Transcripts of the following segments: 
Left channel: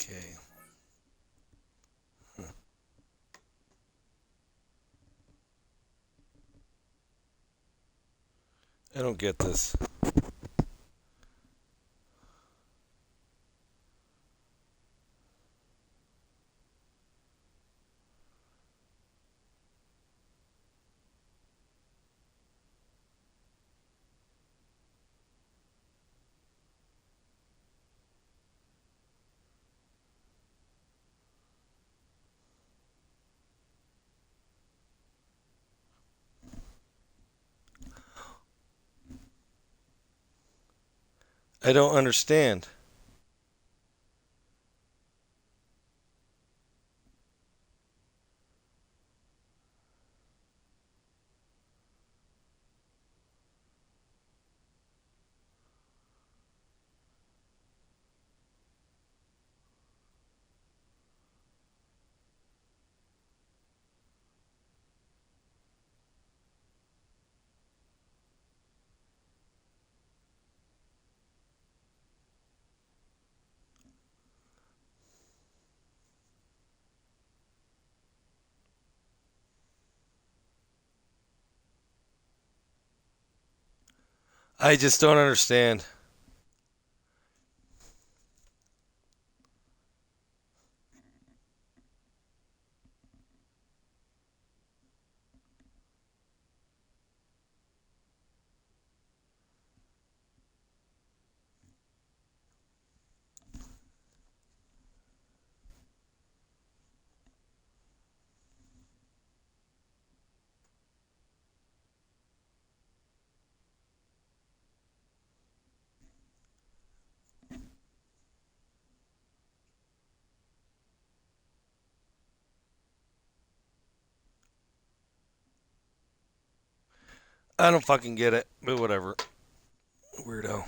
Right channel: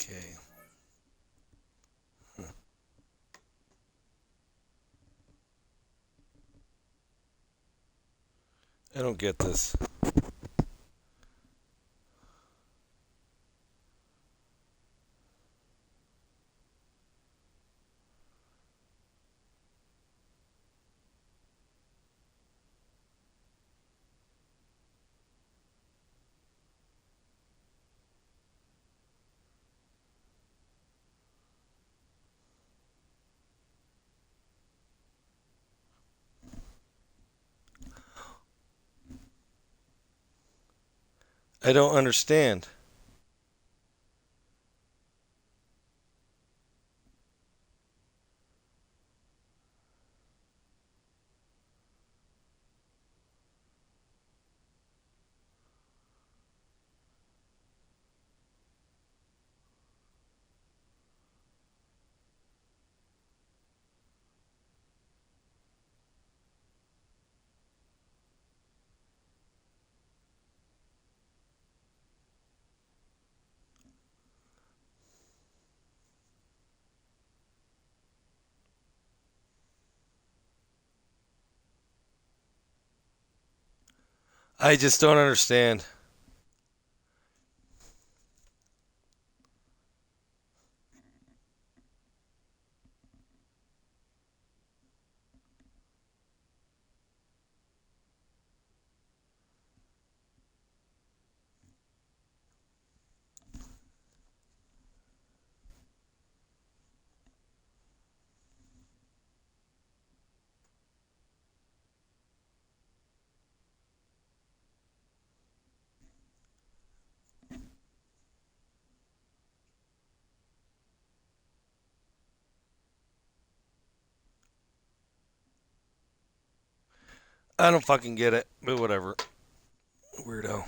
Okay. I don't get this. I don't understand. I just don't understand. I don't fucking get it. But whatever. Weirdo.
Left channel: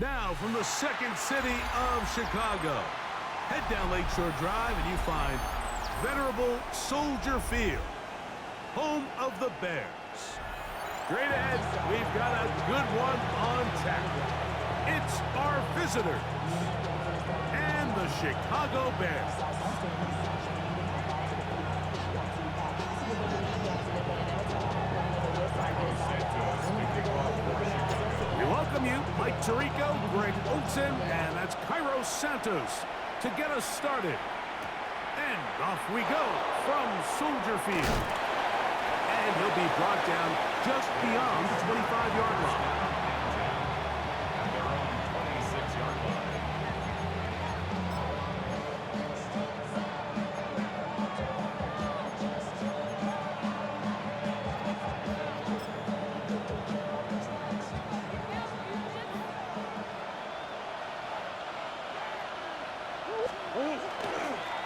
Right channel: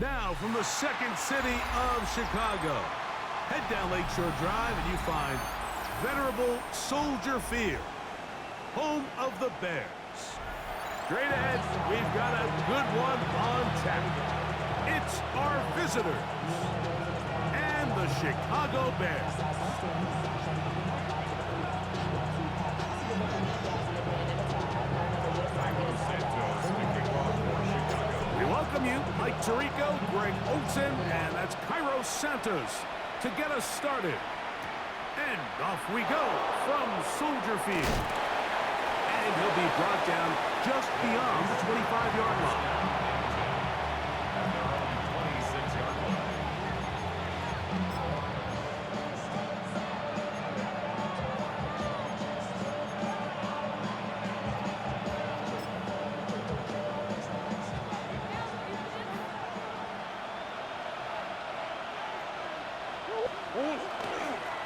Now, from the second city of Chicago, head down Lakeshore Drive and you find venerable Soldier Field, home of the Bears. Straight ahead, we've got a good one on tap. It's our visitors and the Chicago Bears. We welcome you, Mike Tirico, Greg Olsen, and that's Cairo Santos to get us started. And off we go from Soldier Field. And he'll be brought down just beyond the 25-yard line. At their own 26-yard line.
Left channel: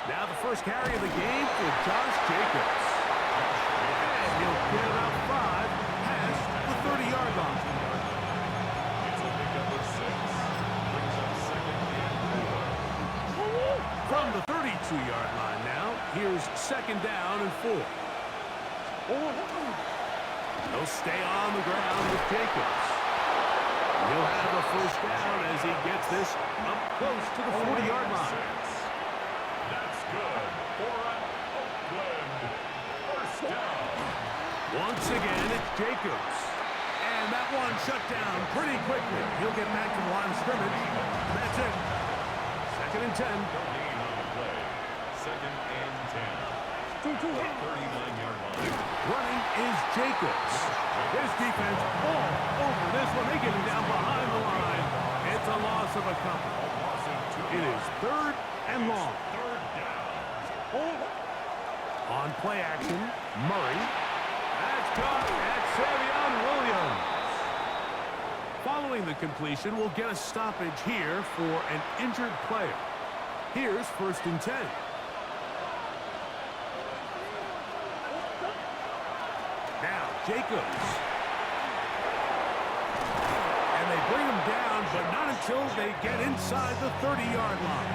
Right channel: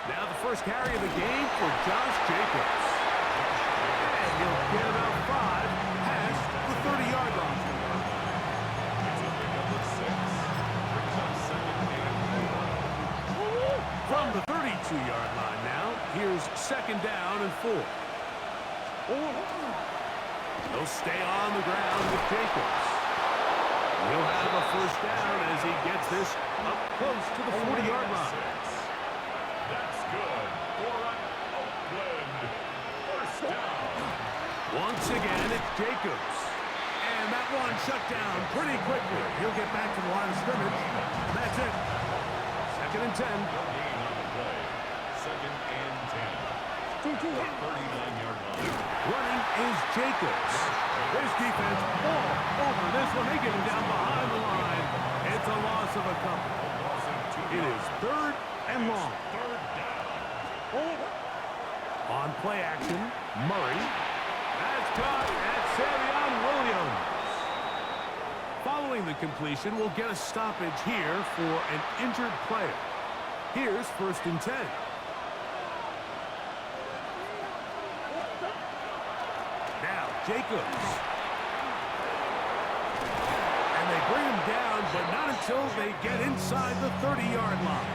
Now the first carry of the game for Josh Jacobs. And he'll get about 5 past the 30-yard line. It's a pickup of 6. Brings up second and 4. From the 32-yard line now, here's second down and 4. He'll stay on the ground with Jacobs. He'll have a first down as he gets this up close to the 40-yard line. That's good for an Oakland first down. Once again, it's Jacobs. And that one shut down pretty quickly. He'll get back to the line of scrimmage. That's it. Second and 10. No gain on the play. Second and 10. At the 39-yard line. Running is Jacobs. This defense all over this one. They get him down behind the line. It's a loss of a couple. A loss of 2 It is yards. third and long. Third down. On play action, Murray. That's caught at Savion Williams. Following the completion, we'll get a stoppage here for an injured player. Here's first and 10. Now, Jacobs. And they bring him down, but not until they get inside the 30-yard line.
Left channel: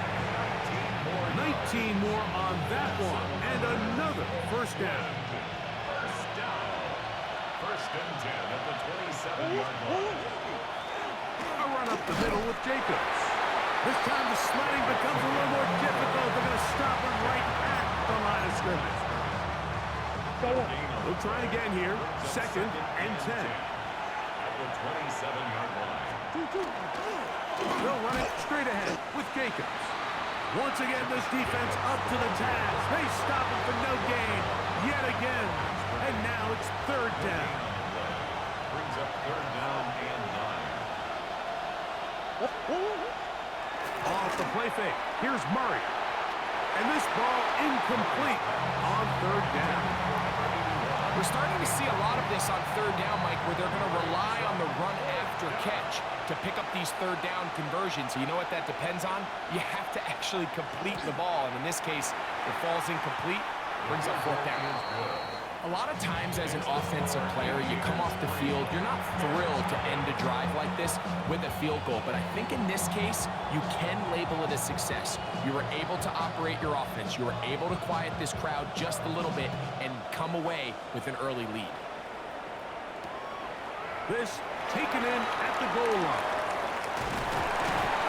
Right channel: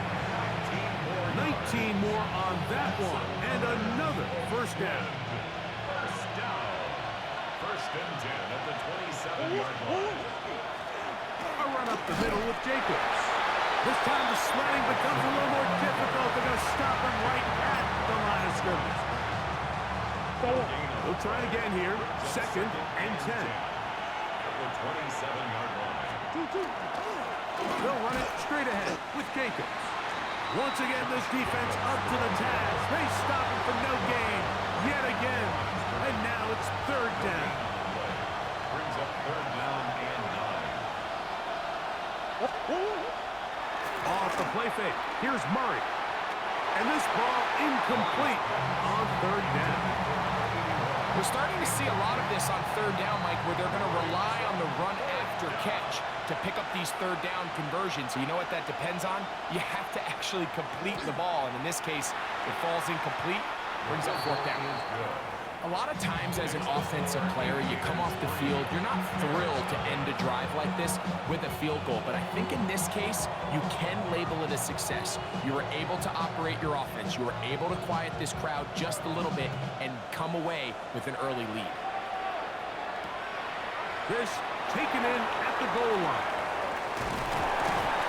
19 more on that one, and another first down. First down. First and 10 at the 27-yard line. A run up the middle with Jacobs. This time the sledding becomes a little more difficult. They're going to stop him right at the line of scrimmage. They'll try again here. Second and 10. At the 27-yard line. They'll run it straight ahead with Jacobs. Once again, this defense up to the task. They stop him for no gain yet again. And now it's third down. Brings up third down and 9. Off the play fake. Here's Murray. And this ball incomplete on third down. We're starting to see a lot of this on third down, Mike, where they're going to rely on the run after catch to pick up these third down conversions. So you know what that depends on? You have to actually complete the ball. And in this case, it falls incomplete, brings up fourth down. A lot of times as an offensive player, you come off the field, you're not thrilled to end a drive like this with a field goal. But I think in this case, you can label it a success. You were able to operate your offense. You were able to quiet this crowd just a little bit and come away with an early lead. This taken in at the goal line.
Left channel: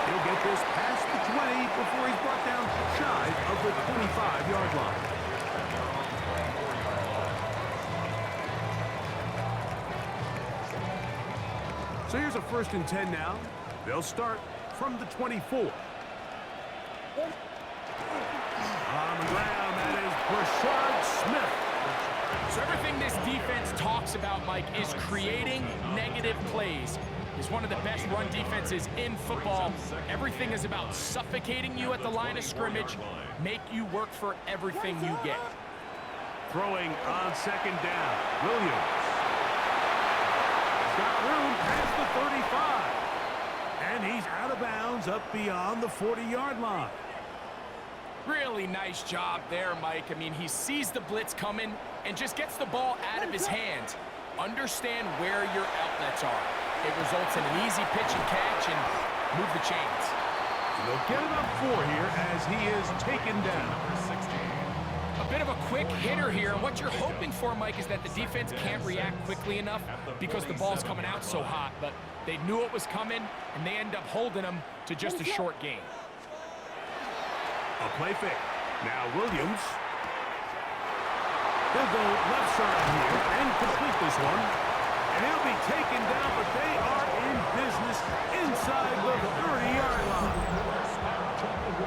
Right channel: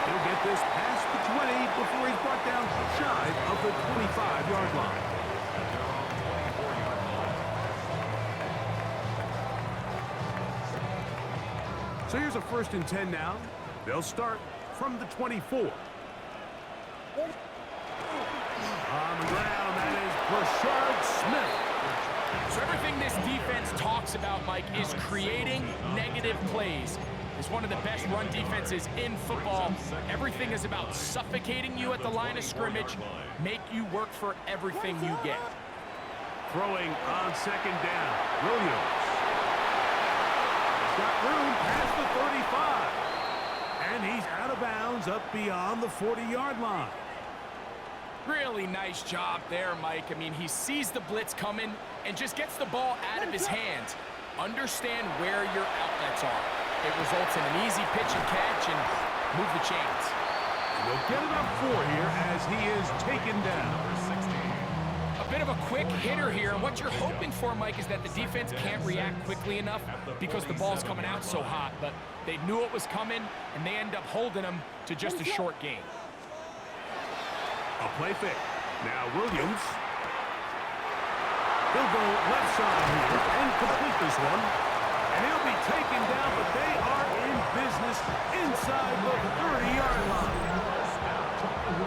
He'll get this past the 20 before he's brought down shy of the 25-yard line. At their own 24-yard line. So here's a first and 10 now. They'll start from the 24. On the ground, that is Brashard Smith. So everything this defense talks about, Mike, is creating negative plays. It's one of the best run defenses in football. Everything is about suffocating you at the line of scrimmage, make you work for everything you get. Throwing on second down, Williams. He's got room past the 35. And he's out of bounds up beyond the 40-yard line. Really nice job there, Mike. I mean, he sees the blitz coming and just gets the ball out of his hands. Understand where your outlets are. It results in an easy pitch and catch, and move the chains. And they'll get it up 4 here as he is taken down. A bit of a quick hitter here, and what you're hoping for, Mike, is that the defense can't react quickly enough because the ball's coming out so hot, but they knew it was coming, and they end up holding them to just a short gain. A play fake. Now Williams. He'll go left side here and complete this one. And he'll be taken down, but they are in business inside the 30-yard line.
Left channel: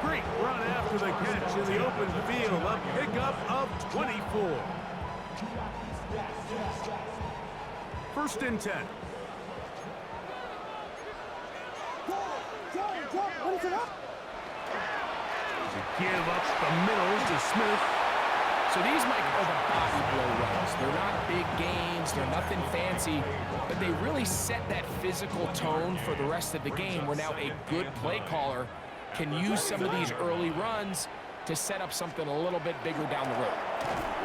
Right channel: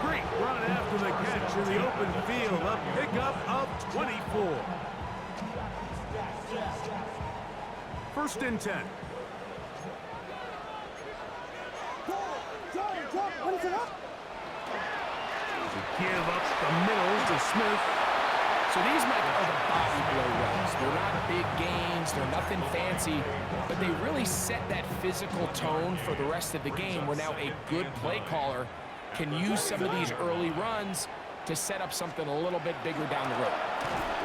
Great run after the catch in the open field. A pickup of 24. 1st and 10. To give up the middle to Smith. So these, Mike, are the body blow runs. They're not big gains, they're nothing fancy, but they really set that physical tone for the rest of the game where now a good play caller can use some of these early runs to set up something a little bit bigger down the road.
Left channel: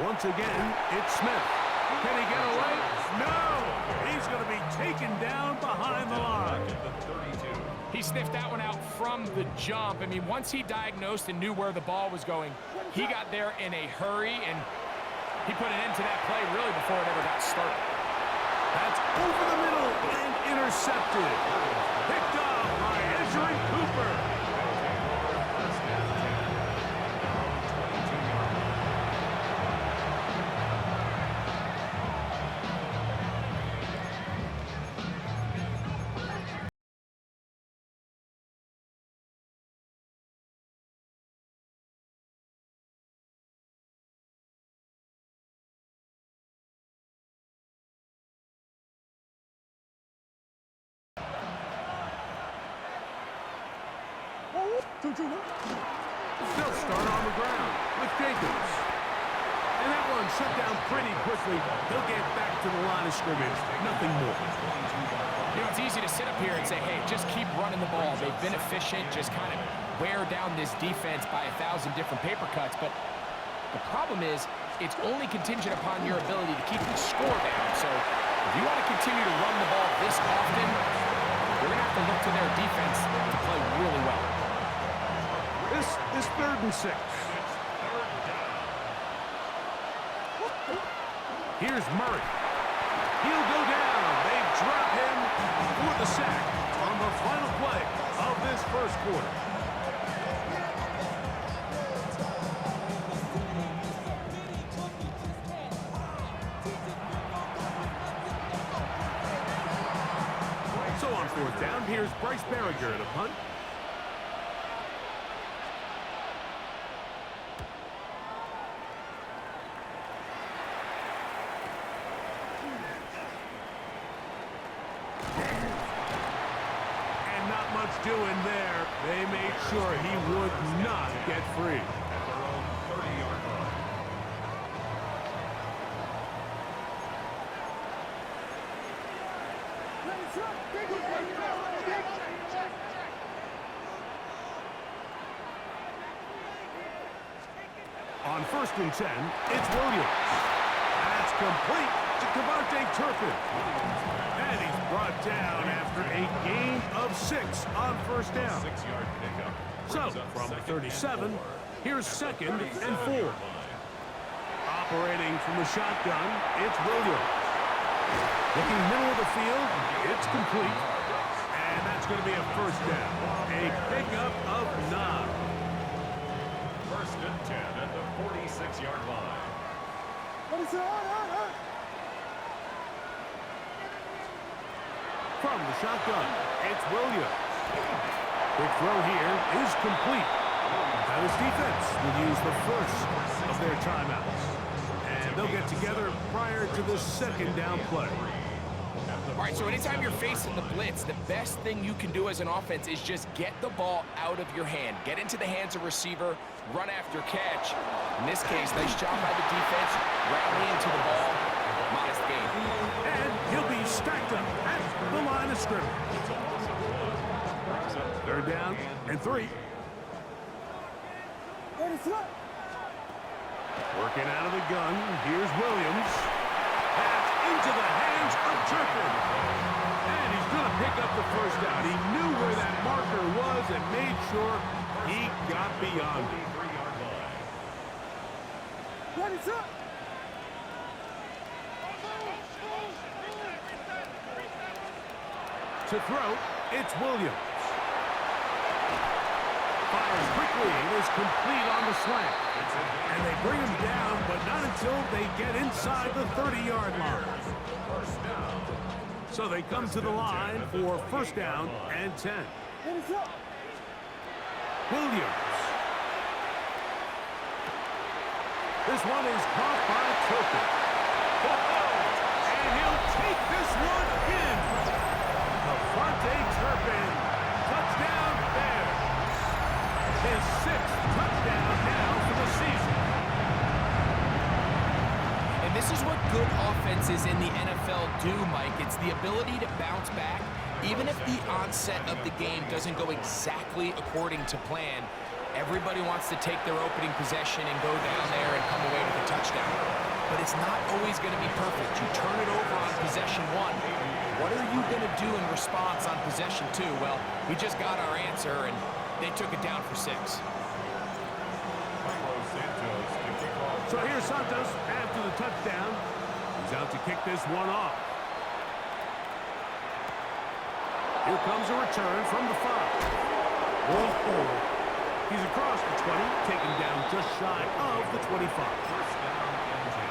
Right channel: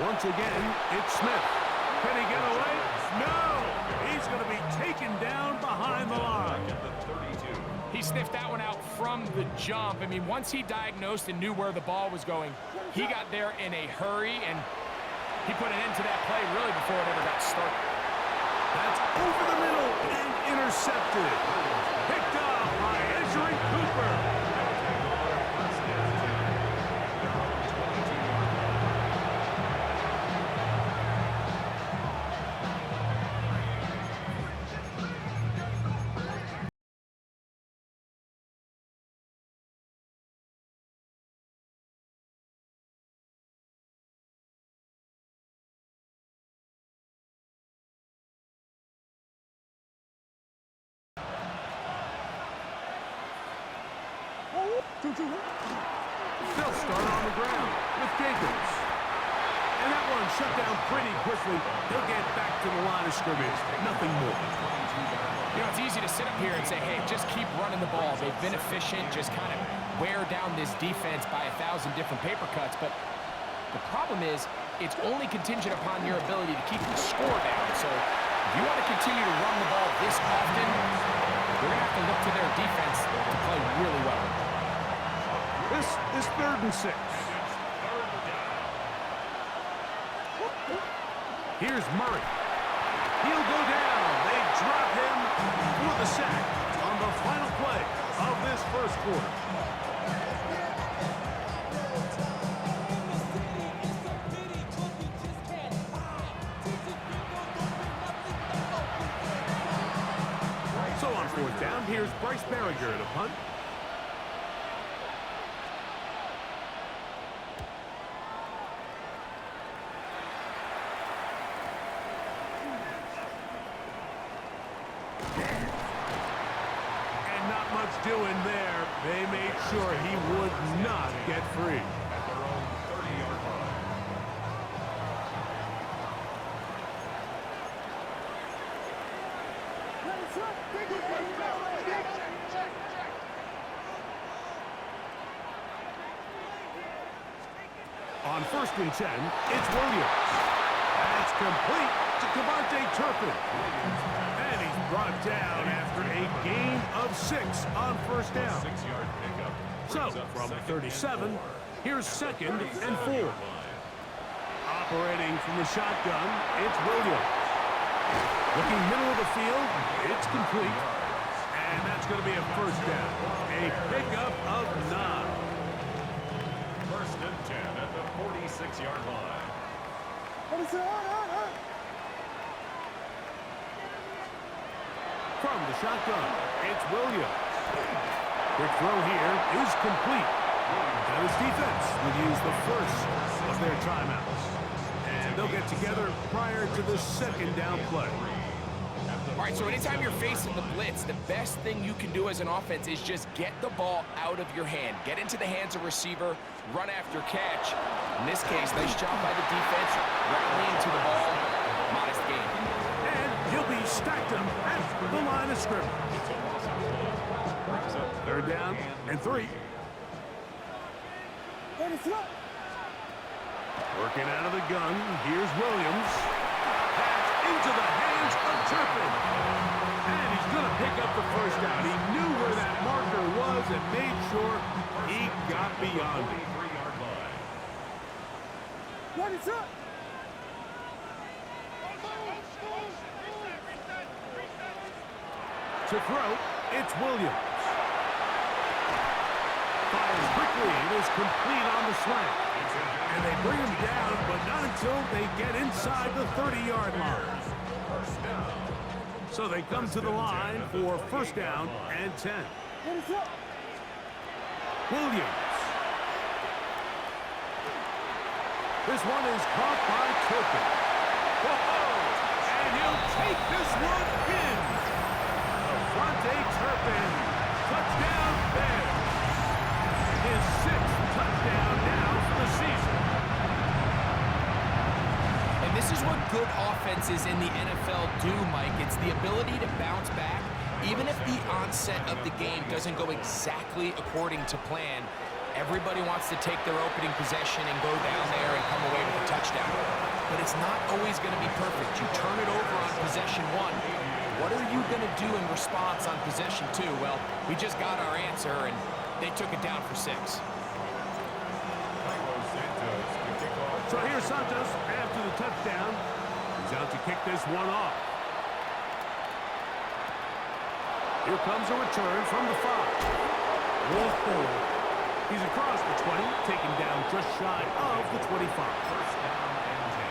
Once again, it's Smith. Can he get away? No! He's going to be taken down behind the line. He sniffed that one out from the jump. I mean, once he diagnosed and knew where the ball was going, he got there in a hurry, and he put an end to that play really before it ever got started. That's over the middle and intercepted. Picked off by Ezri Cooper. They'll start on the ground with Jacobs. And that one shut down pretty quickly. He'll get back to the line of scrimmage. Nothing more. You know, it's easy to sit up here and say, hey, just keep running the ball. They've been efficient, just kind of wear down this defense by 1,000 different paper cuts. But the problem is, it's only contingent upon your ability to keep the score down. So if you want to continue to run the ball this often, you're going to have to look to their defense to play really well. This is 3rd and 6. Here's Murray. He'll go down. They drop him for the sack on the final play of this 1st quarter. So on 4th down, here's Bryce Barriger at a punt. Not much doing there. They made sure he would not get free. At their own 30-yard line. On 1st and 10, it's Williams. That's complete to Cavante Turpin. And he's brought down after a gain of 6 on 1st down. 6-yard pickup. So, from 37, here's 2nd and 4. Operating from the shotgun, it's Williams. Looking middle of the field, it's complete. And that's going to be a 1st down. A pickup of 9. 1st and 10 at the 46-yard line. From the shotgun, it's Williams. Quick throw here is complete. Now his defense will use the first of their timeouts. And they'll get together prior to the 2nd down play. All right, so anytime you're facing the blitz, the best thing you can do as an offense is just get the ball out of your hand. Get into the hands of receiver, run after catch. In this case, nice job by the defense, rallying to the ball. Modest gain. And he'll be stacked up at the line of scrimmage. 3rd down and 3. Working out of the gun, here's Williams. That's into the hands of Turpin. And he's going to pick up the first down. He knew where that marker was and made sure he got beyond it. 43-yard line. What is up? To throw, it's Williams. Fires quickly. It is complete on the slant. And they bring him down, but not until they get inside the 30-yard line. First down. So they come to the line for first down and 10. Williams. This one is caught by Turpin. And he'll take this one in. Devontae Turpin. Touchdown Bears. His 6th touchdown now for the season. And this is what good offenses in the NFL do, Mike. It's the ability to bounce back, even if the onset of the game doesn't go exactly according to plan. Everybody wants to take their opening possession and go down there and come away with a touchdown. But it's not always going to be perfect. You turn it over on possession 1. What are you going to do in response on possession 2? Well, we just got our answer, and they took it down for 6. So here's Santos after the touchdown. He's out to kick this one off. Here comes a return from the 5. Whoa! He's across the 20, taken down just shy of the 25. First down and 10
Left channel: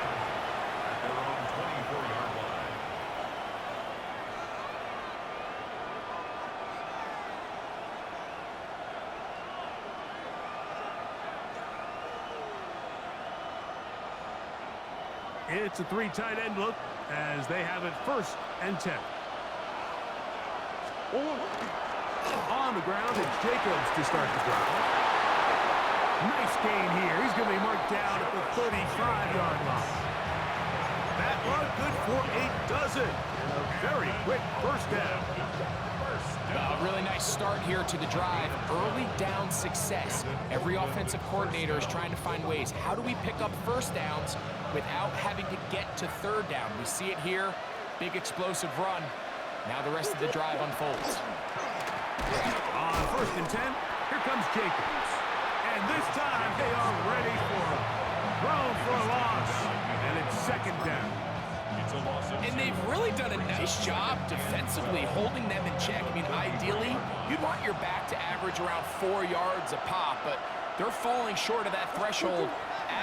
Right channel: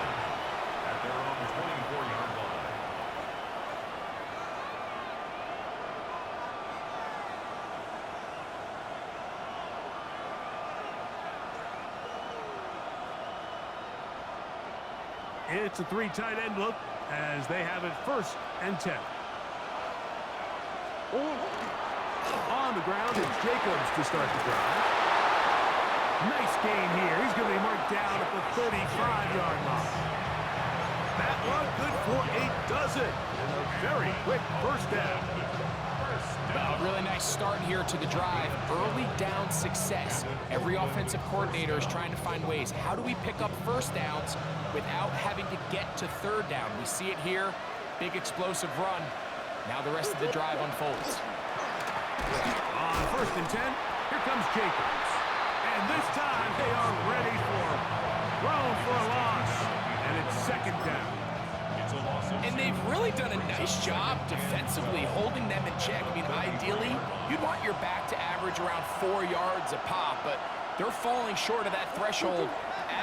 at their own 24-yard line. It's a 3 tight end look as they have it first and 10. On the ground, it's Jacobs to start the drive. Nice gain here. He's going to be marked down at the 35-yard line. That one good for a dozen. And a very quick first down. A really nice start here to the drive. Early down success. Every offensive coordinator is trying to find ways. How do we pick up first downs without having to get to third down? We see it here. Big explosive run. Now the rest of the drive unfolds. On first and 10, here comes Jacobs. And this time they are ready for him. Thrown for a loss. And it's second down. It's a loss of 2. And they've really done a nice job defensively holding them in check. I mean, ideally, you'd want your back to average around 4 yards a pop, but they're falling short of that threshold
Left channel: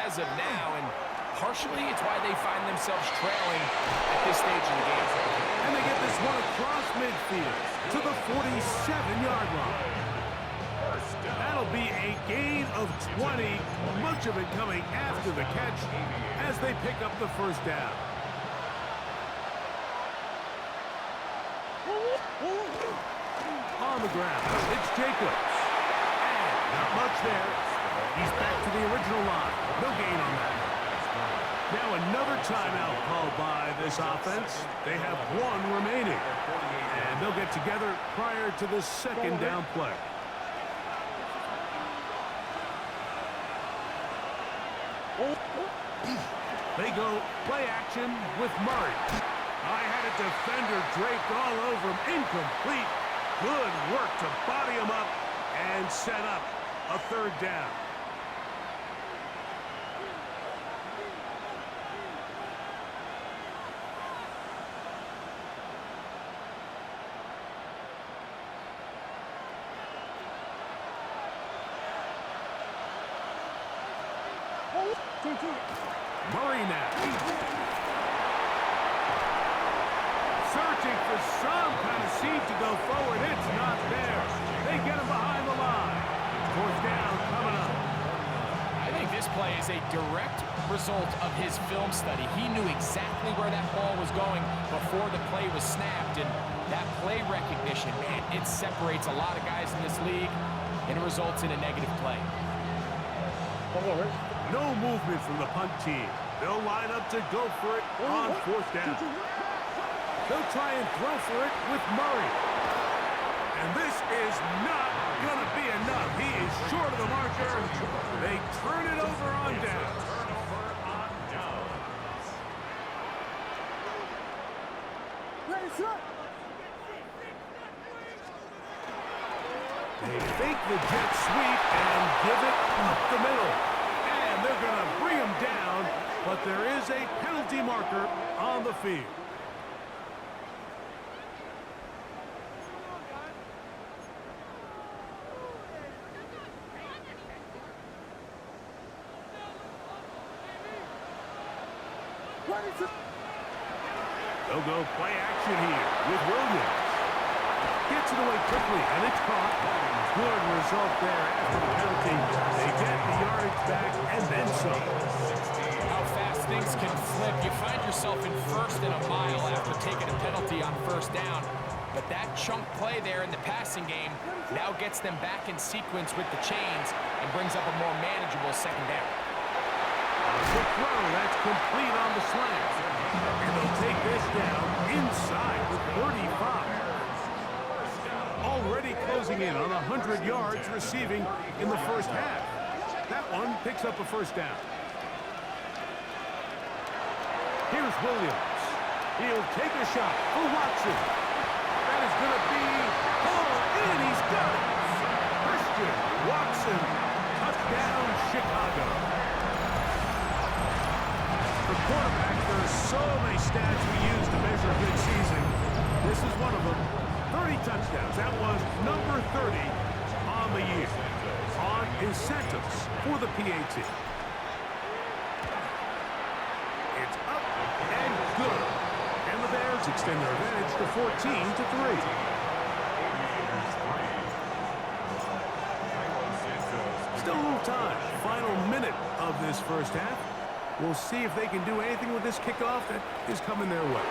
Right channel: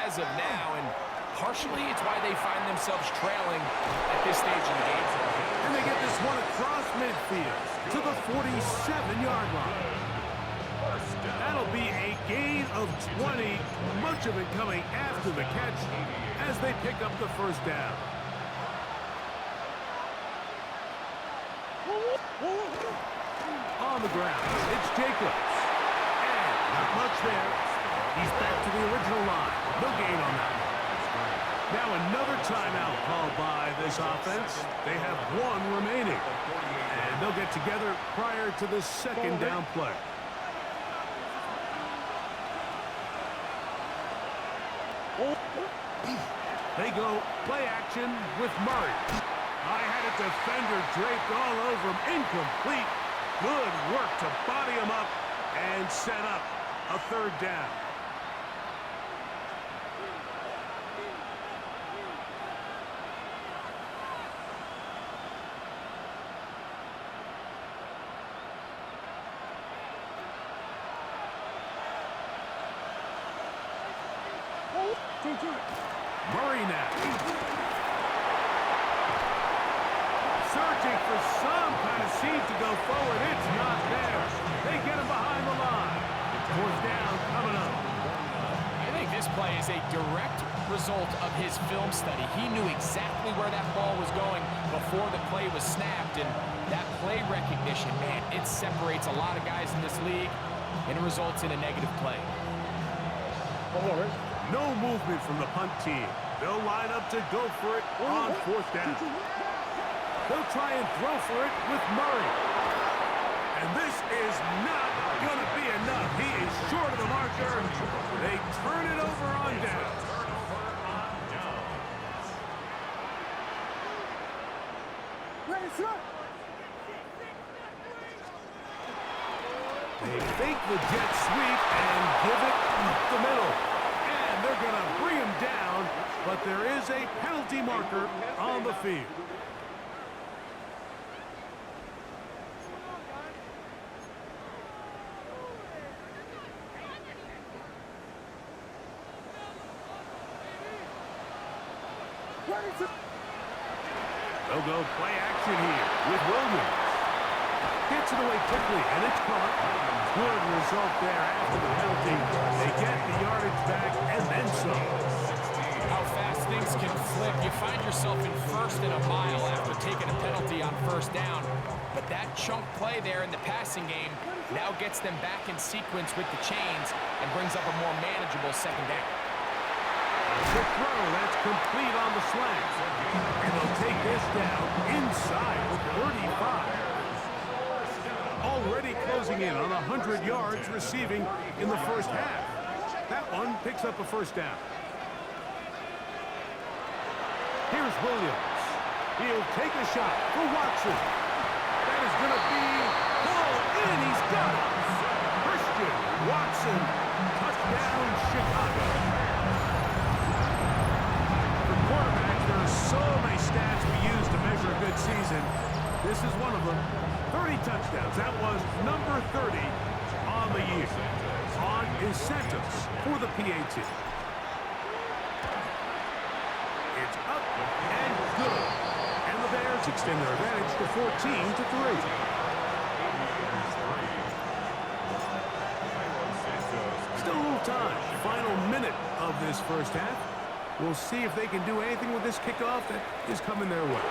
as of now, and partially it's why they find themselves trailing at this stage in the game. And they get this one across midfield to the 47-yard line. That'll be a gain of 20, much of it coming after the catch as they pick up the first down. On the ground, it's Jacobs. And not much there. He's back to the original line. No gain on that. Now another timeout called by this offense. They have 1 remaining. And they'll get together prior to the second down play. They go play action with Murray. I had a defender draped all over him. Incomplete. Good work to body him up and set up a third down. Murray now. Searching for some kind of seed to go forward. It's not there. They get him behind the line. Fourth down coming up. I think this play is a direct result of his film study. He knew exactly where that ball was going before the play was snapped, and that play recognition, man, it separates a lot of guys in this league, and it results in a negative play. No movement from the punt team. They'll line up to go for it on fourth down. They'll try and throw for it with Murray. And this is not going to be enough. He is short of the marker. They turn it over on down. They fake the jet sweep and give it up the middle. And they're going to bring him down, but there is a penalty marker on the field. They'll go play action here with Williams. Gets it away quickly, and it's caught. Good result there after the penalty. They get the yardage back and then some. How fast things can flip. You find yourself in first and a mile after taking a penalty on first down. But that chunk play there in the passing game now gets them back in sequence with the chains and brings up a more manageable second down. A quick throw, that's complete on the slant. And they'll take this down inside the 35. Already closing in on 100 yards receiving in the first half. That one picks up a first down. Here's Williams. He'll take a shot for Watson. That is going to be pulled in. He's got it. Christian Watson, touchdown Chicago. For quarterbacks, there are so many stats we use to measure a good season. This is one of them. 30 touchdowns. That was number 30 on the year. On is Santos for the PAT. It's up and good. And the Bears extend their advantage to 14-3. Still a little time. Final minute of this first half. We'll see if they can do anything with this kickoff that is coming their way.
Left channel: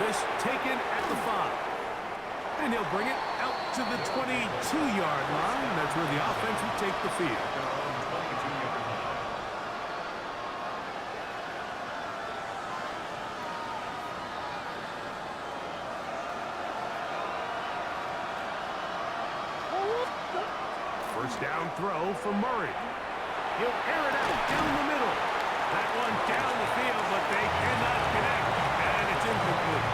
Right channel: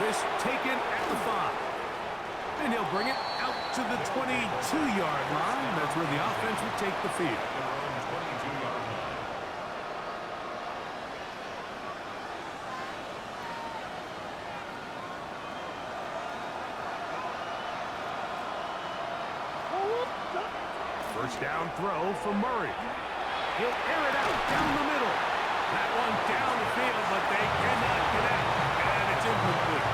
This taken at the 5. And he'll bring it out to the 22-yard line. That's where the offense will take the field. First down throw for Murray. He'll air it out down the middle. That one down the field, but they cannot connect. And it's incomplete.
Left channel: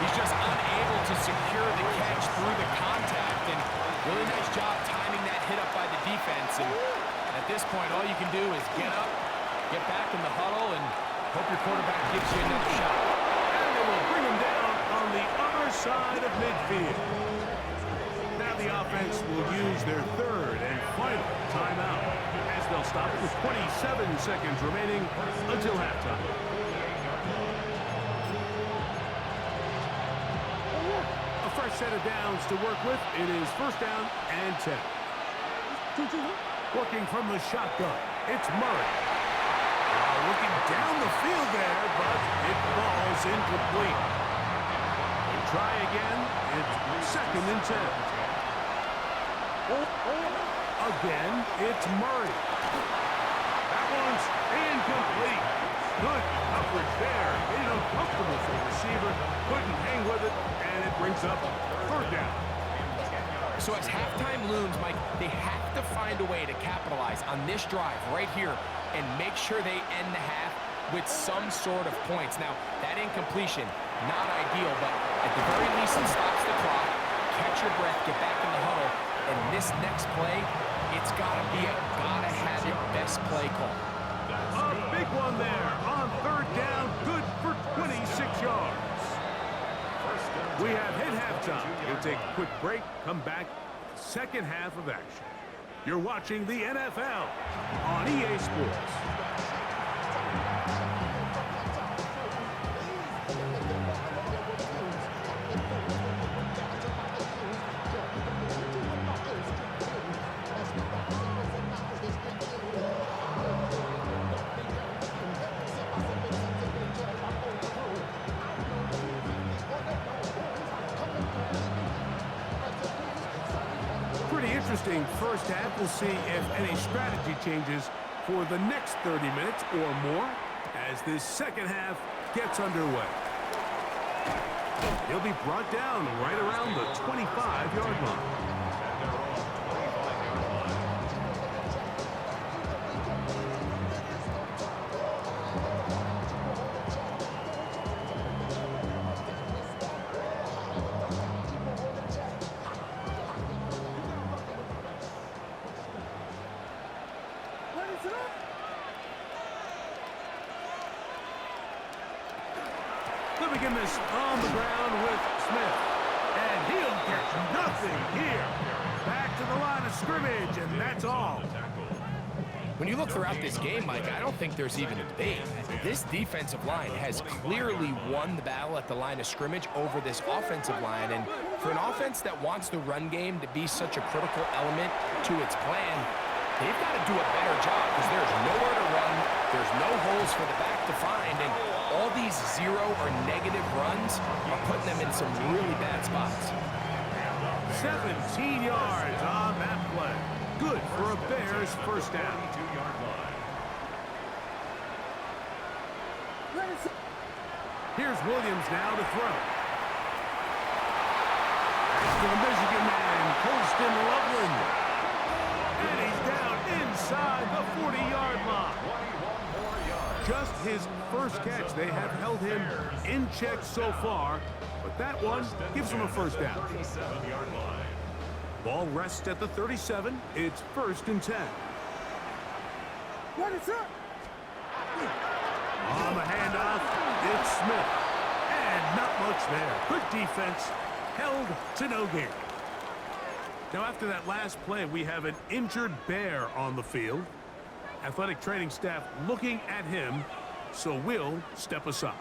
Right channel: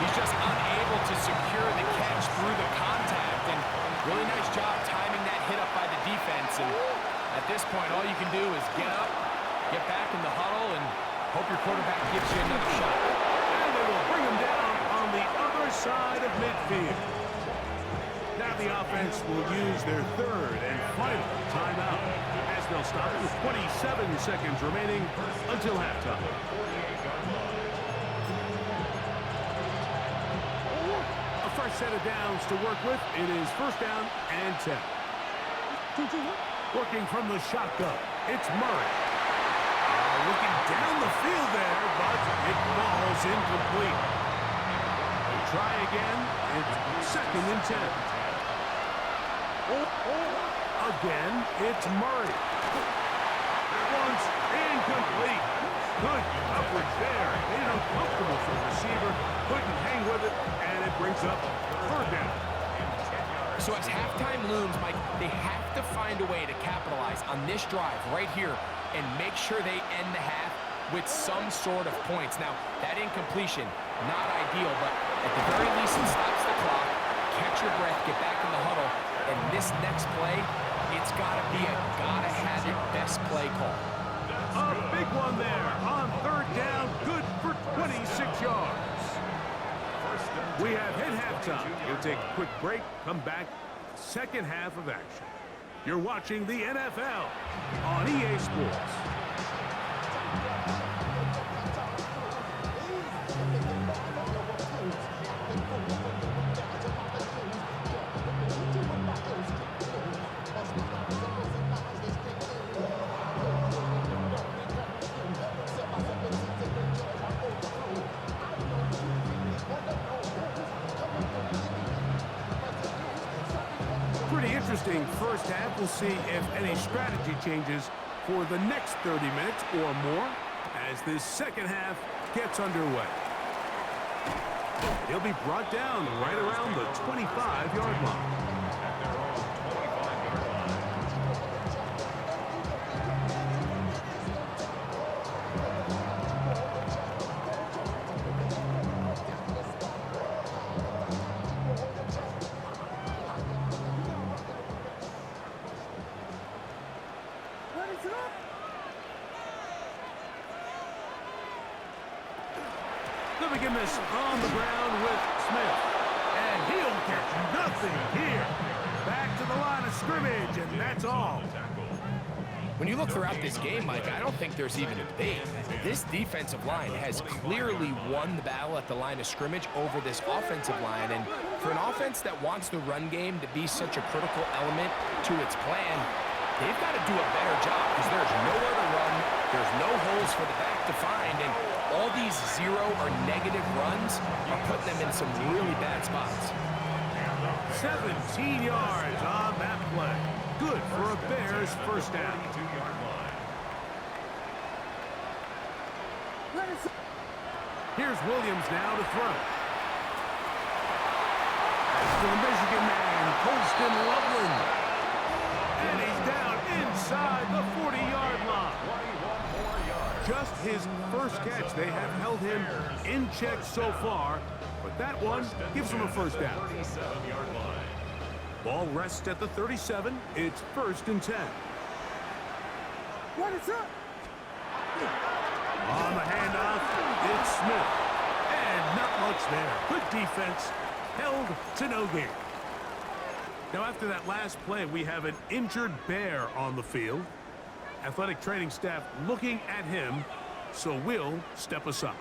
He's just unable to secure the catch through the contact, and really nice job timing that hit up by the defense. And at this point, all you can do is get up, get back in the huddle, and hope your quarterback gives you another shot. And they will bring him down on the other side of midfield. Now the offense will use their third and final timeout, as they'll stop it with 27 seconds remaining until halftime. A fresh set of downs to work with. It is first down and 10. Working from the shotgun, it's Murray. Looking down the field there, but it falls incomplete. They try again. It's second and 10. Again, it's Murray. That one's incomplete. Good coverage there. Made it uncomfortable for the receiver. Couldn't hang with it, and it brings up third down. So as halftime looms, Mike, they have to find a way to capitalize on this drive right here and make sure they end the half with some sort of points. Now, that incompletion, not ideal, but at the very least it stops the clock. Catch your breath, get back in the huddle, and this next play, it's got to be a gotta-have-it best play call. A big one there on third down, good for 26 yards. We have hit halftime. We'll take a quick break, come back, second half of action. You're watching the NFL on EA Sports. Pretty interesting first half. We'll see if any strategy changes for the next 30 minutes or more as this second half gets underway. He'll be brought down right around the 25-yard line. They begin this on the ground with Smith. And he'll get nothing here. Back to the line of scrimmage, and that's all. When you look throughout this game, Mike, I don't think there's even a debate. This defensive line has clearly won the battle at the line of scrimmage over this offensive line. And for an offense that wants the run game to be such a critical element to its plan, they've got to do a better job because there's nowhere to run, there's no holes for the back to find, and all these zero or negative runs are putting them in some really bad spots. 17 yards on that play. Good for a Bears first down. Here's Williams now to throw. That's to the Michigan man, Colston Loveland. And he's down inside the 40-yard line. Just his first catch. They have held him in check so far, but that one gives him a first down. Ball rests at the 37. It's 1st and 10. What is up? On the handoff, it's Smith. And not much there. Good defense. Held to no gain. Now, after that last play, we have an injured Bear on the field. Athletic training staff looking at him, so we'll step aside.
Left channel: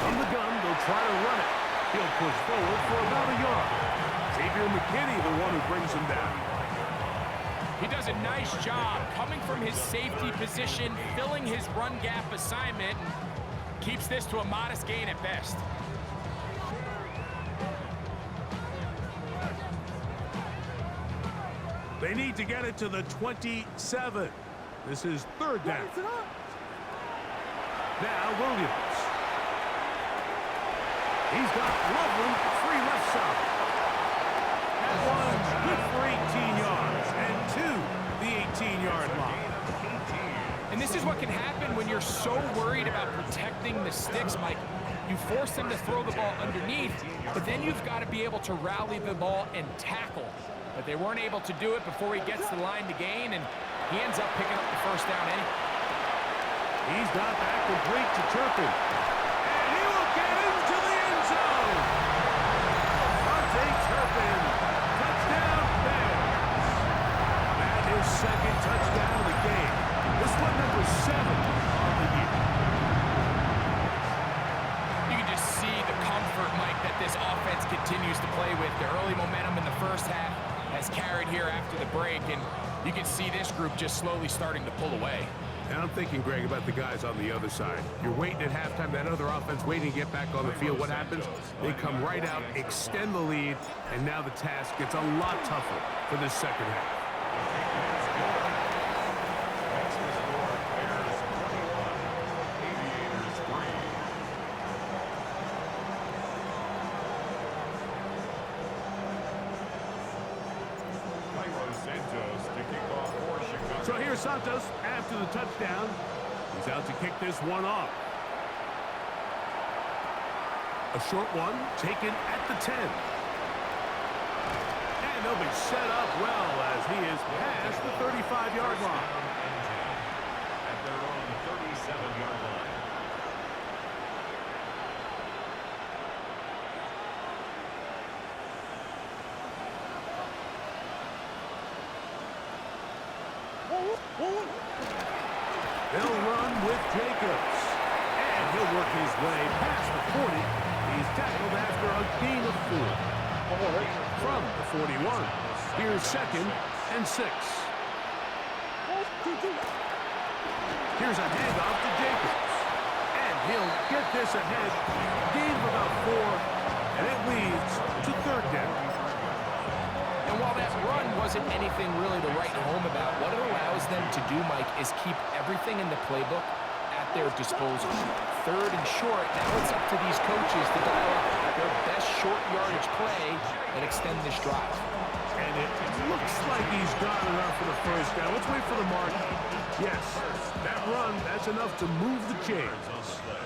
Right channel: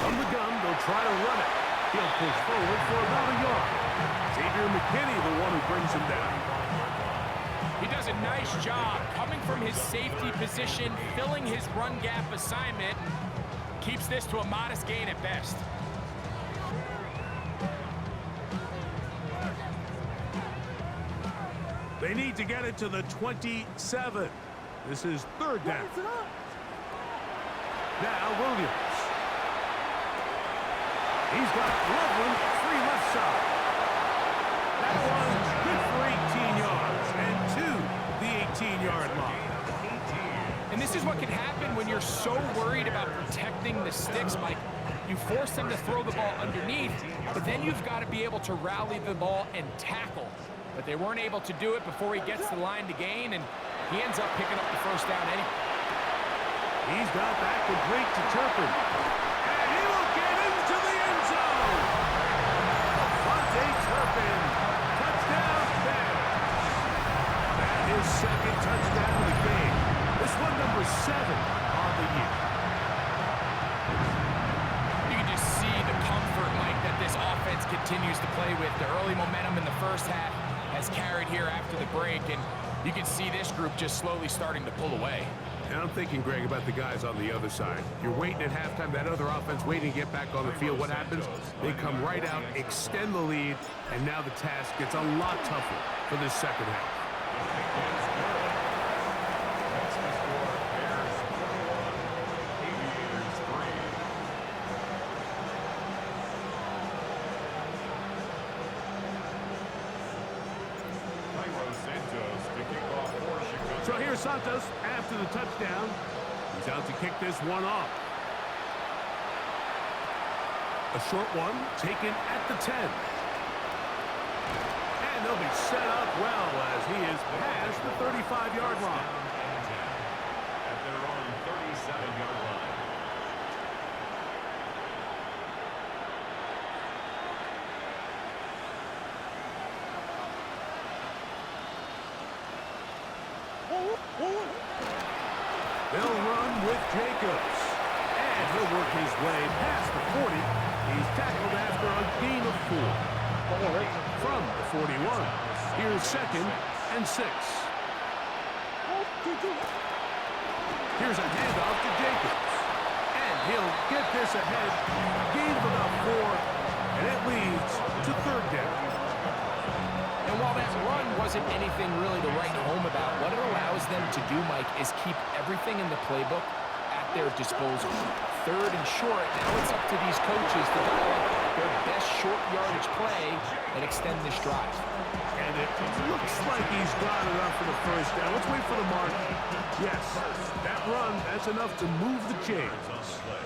From the gun, they'll try to run it. He'll push forward for about a yard. Xavier McKinney, the one who brings him down. He does a nice job coming from his safety position, filling his run gap assignment, and keeps this to a modest gain at best. They need to get it to the 27. This is 3rd down. Now Williams. He's got Loveland free left side. That one's good for 18 yards and to the 18-yard line. And this is what can happen when you're so worried about protecting the sticks, Mike. You force them to throw the ball underneath, but then you've got to be able to rally the ball and tackle. But they weren't able to do it before he gets the line to gain, and he ends up picking up the first down anyway. He's got that complete to Turpin. And he will get into the end zone. Turpin, touchdown Bears. That is 2nd touchdown of the game. This one number 7 on the year. You can just see the comfort, Mike, that this offense continues to play with. The early momentum in the first half has carried here after the break, and you can see this group just slowly starting to pull away. And I'm thinking, Greg, about the guys on the other side. You're waiting at halftime, that other offense waiting to get back on the field. What happens? They come right out, extend the lead, and now the task gets a lot tougher for this second half. Next to score, Bears 21, Aviators 3. Cairo Santos to kick off for Chicago. So here's Santos after the touchdown. He's out to kick this one off. A short one taken at the 10. And they'll be set up well as he is past the 35-yard line. And 10 at their own 37-yard line. They'll run with Jacobs. And he'll work his way past the 40. He's tackled after a gain of 4. From the 41. Here's 2nd and 6. Here's a handoff to Jacobs. And he'll get this ahead. Gain of about 4. And it leads to 3rd down. And while that run wasn't anything really to write home about, what it allows them to do, Mike, is keep everything in the playbook at their disposal. 3rd and short, now it's up to these coaches to dial up their best short yardage play and extend this drive. And it looks like he's got enough for the first down. Let's wait for the mark. Yes, That run, that's enough to move the chains. On the play.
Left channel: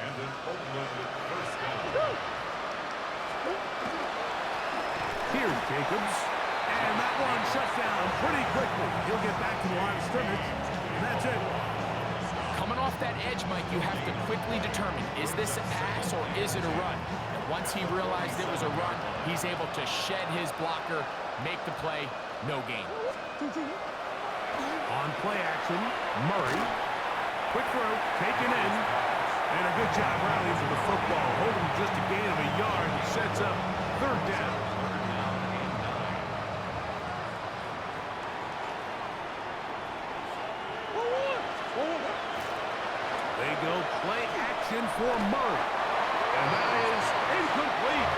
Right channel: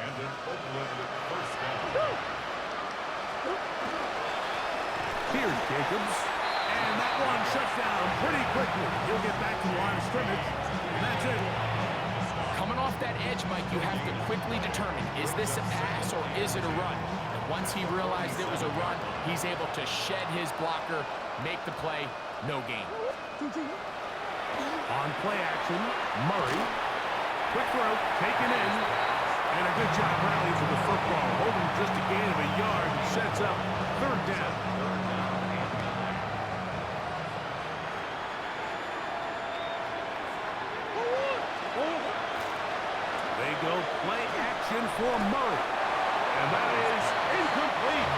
And an Oakland first down. Here's Jacobs. And that one shut down pretty quickly. He'll get back to the line of scrimmage. And that's it. Coming off that edge, Mike, you have to quickly determine, is this a pass or is it a run? And once he realized it was a run, he's able to shed his blocker, make the play, no gain. On play action, Murray. Quick throw, taken in. And a good job rallying for the football. Holding just a gain of a yard and sets up third down. Third down and 9. They go play action for Murray. And that is incomplete.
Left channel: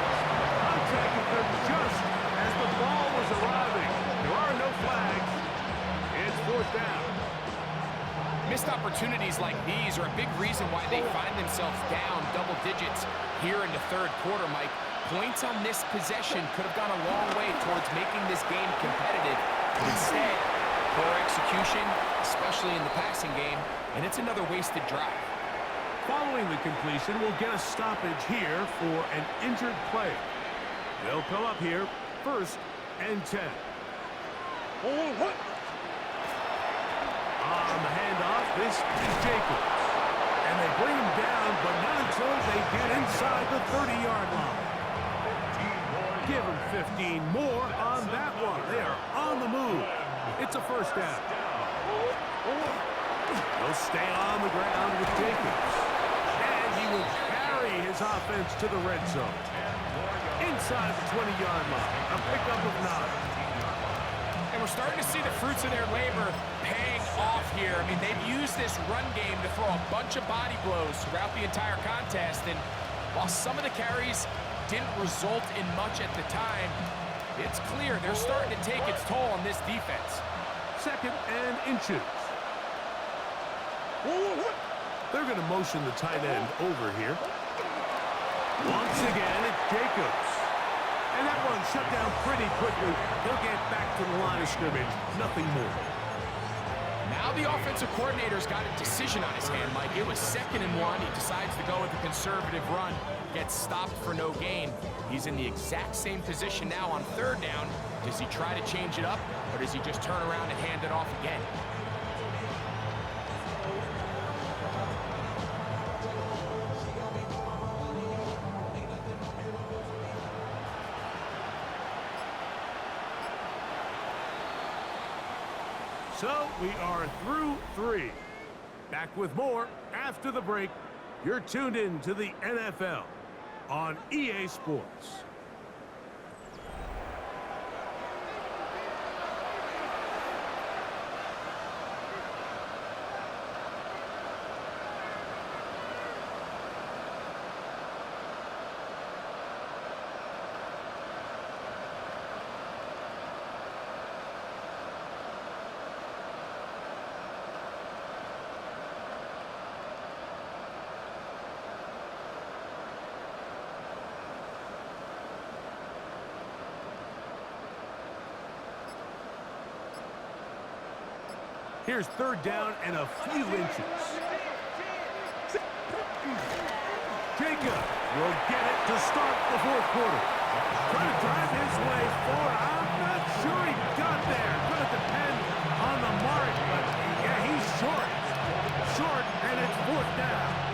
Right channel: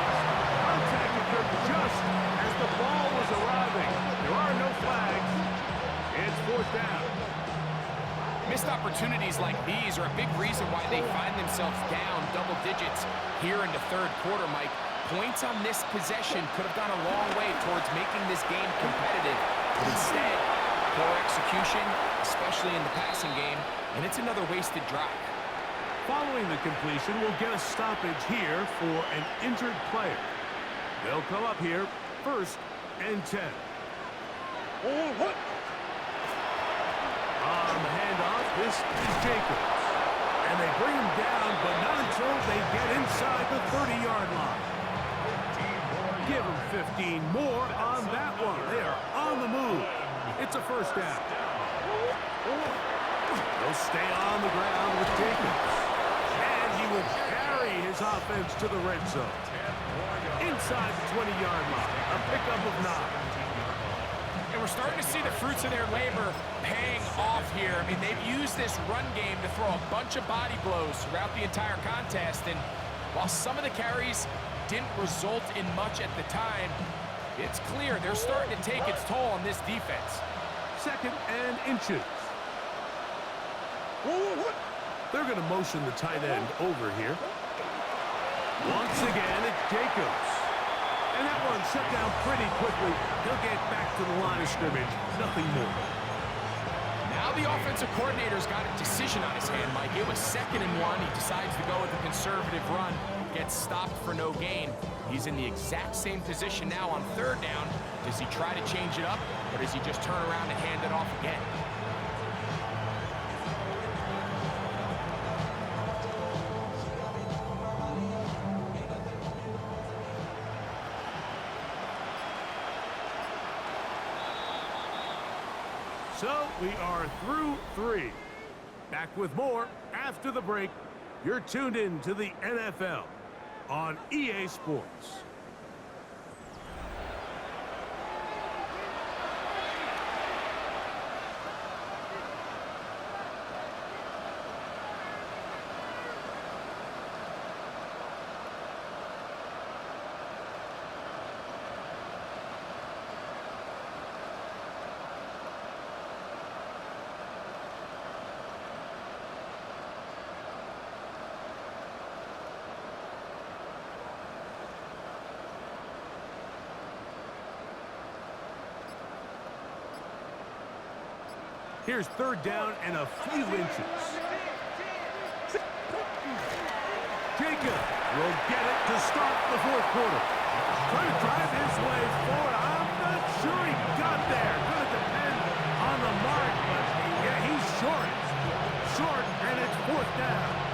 Contact occurred just as the ball was arriving. There are no flags. It's fourth down. Missed opportunities like these are a big reason why they find themselves down double digits here in the third quarter, Mike. Points on this possession could have gone a long way towards making this game competitive. But instead, poor execution, especially in the passing game, and it's another wasted drive. Following the completion, we'll get a stoppage here for an injured player. They'll come up here, 1st and 10. On the handoff, this is Jacobs. And they bring him down, but not until they get inside the 30-yard line. Give him 15 more on that one. They are on the move. It's a first down. They'll stay on the ground with Jacobs. And he will carry his offense to the red zone. Inside the 20-yard line. A pickup of 9. And we're starting to see the fruits of their labor paying off here. I mean, they've used this run game to throw a bunch of body blows throughout the entire contest. And while some of the carries didn't result in much at the time, it's clear they're starting to take its toll on this defense. 2nd and inches. They're going to motion the tight end over here. Once again, it's Jacobs. And that one shut down pretty quickly. He'll get back to the line of scrimmage. Nothing more. Now the offensive coordinator's got a decision on his hand, Mike. It was 2nd and 1. He decides to go with a conservative run. Gets stopped for no gain. He's in the exact same position now on 3rd down. Does he try to change it up, or does he just turn around and hand it off again? So we are through 3. Back with more after the break. You're tuned in to the NFL on EA Sports. Here's 3rd down and a few inches. Jacob will get it to start the 4th quarter. Trying to drive his way forward. I'm not sure he got there. Going to depend on the mark, but yeah, he's short. Short, and it's 4th down.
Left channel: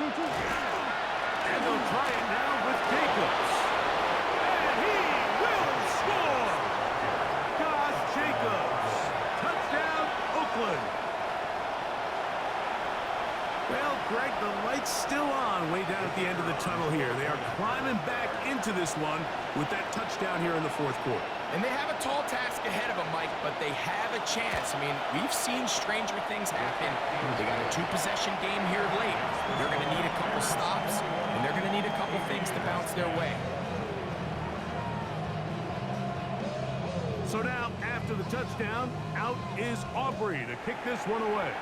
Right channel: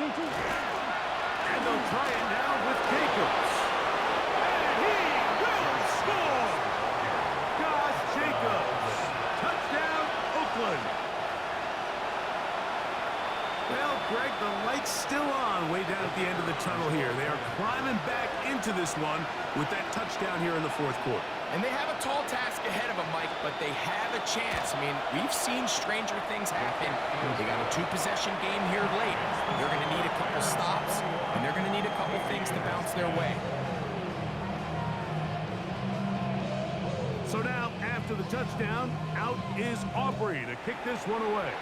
And they'll try it now with Jacobs. And he will score! Josh Jacobs. Touchdown, Oakland. Well, Greg, the light's still on way down at the end of the tunnel here. They are climbing back into this one with that touchdown here in the 4th quarter. And they have a tall task ahead of them, Mike, but they have a chance. I mean, we've seen stranger things happen. They got a 2-possession game here late. They're going to need a couple stops, and they're going to need a couple things to bounce their way. So now, after the touchdown, out is Aubrey to kick this one away.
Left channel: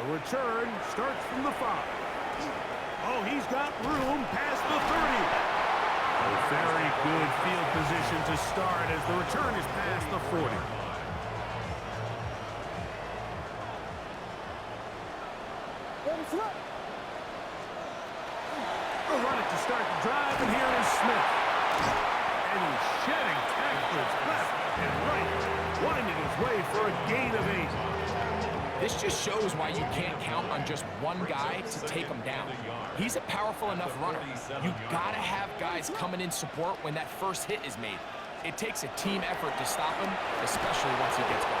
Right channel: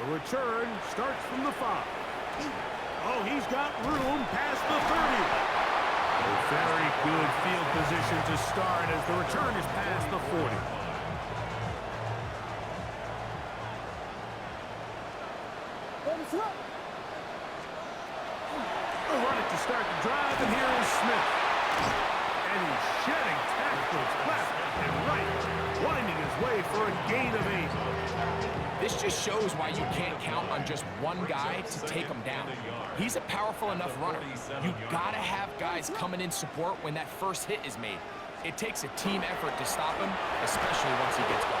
The return starts from the 5. Oh, he's got room past the 30. A very good field position to start as the return is past the 40. They'll run it to start the drive, and here is Smith. And he's shedding tackles left and right, winding his way for a gain of 8. This just shows why you can't count on just one guy to take him down. He's a powerful enough runner. You gotta have guys coming in support when that first hit is made. It takes a team effort to stop him, especially once he gets going.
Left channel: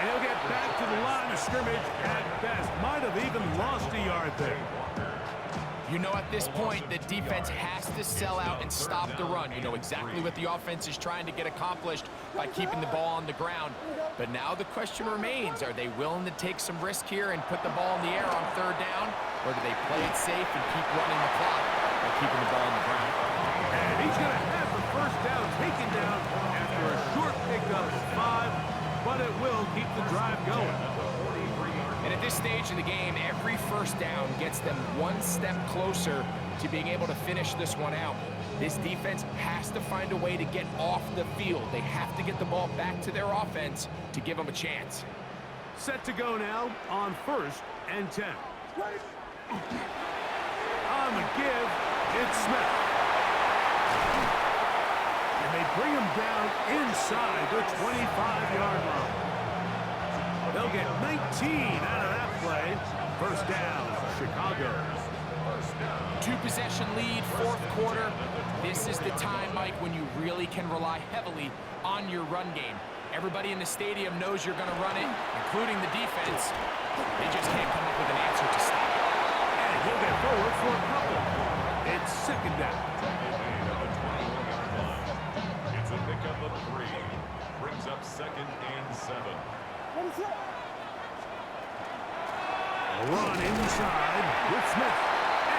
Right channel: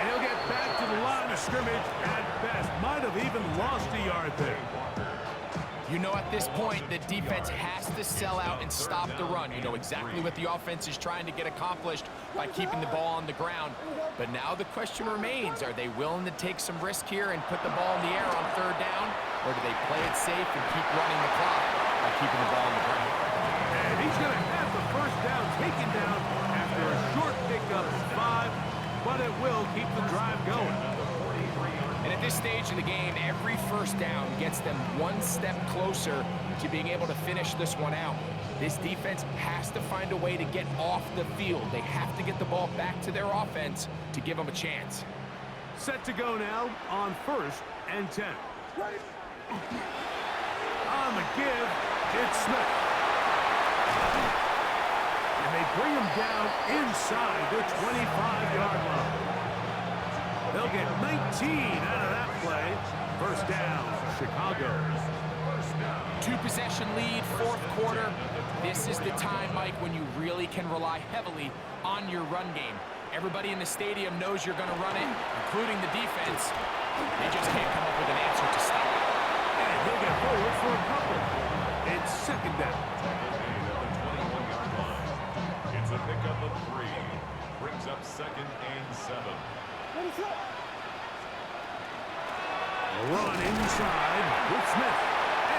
And he'll get back to the line of scrimmage at best. Might have even lost a yard there. You know, at this point, the defense has to sell out and stop the run. You know exactly what the offense is trying to get accomplished by keeping the ball on the ground. But now the question remains, are they willing to take some risk here and put the ball in the air on 3rd down? Or do they play it safe and keep running the clock by keeping the ball on the ground? And he's going to have the first down taken down after a short pickup of 5, but it will keep the drive going. And at this stage of the game, every first down gets them one step closer to being able to finish this one out. This defense has to find a way to get off the field. They have to get the ball back to their offense to give them a chance. Set to go now on 1st and 10. On the give, it's Smith. And they bring him down inside the 25-yard line. They'll get 19 out of that play. First down, Chicago. 2-possession lead, 4th quarter. This is the time, Mike, when you really can rely heavily on your run game. Everybody in the stadium knows you're going to run it, including the defense. They just can't come up with an answer to stop it. And he'll get forward for a couple. It's 2nd down. Tackle made at the 21-yard line. It's a pickup of 3. Brings up 2nd and 7. A run inside with Smith.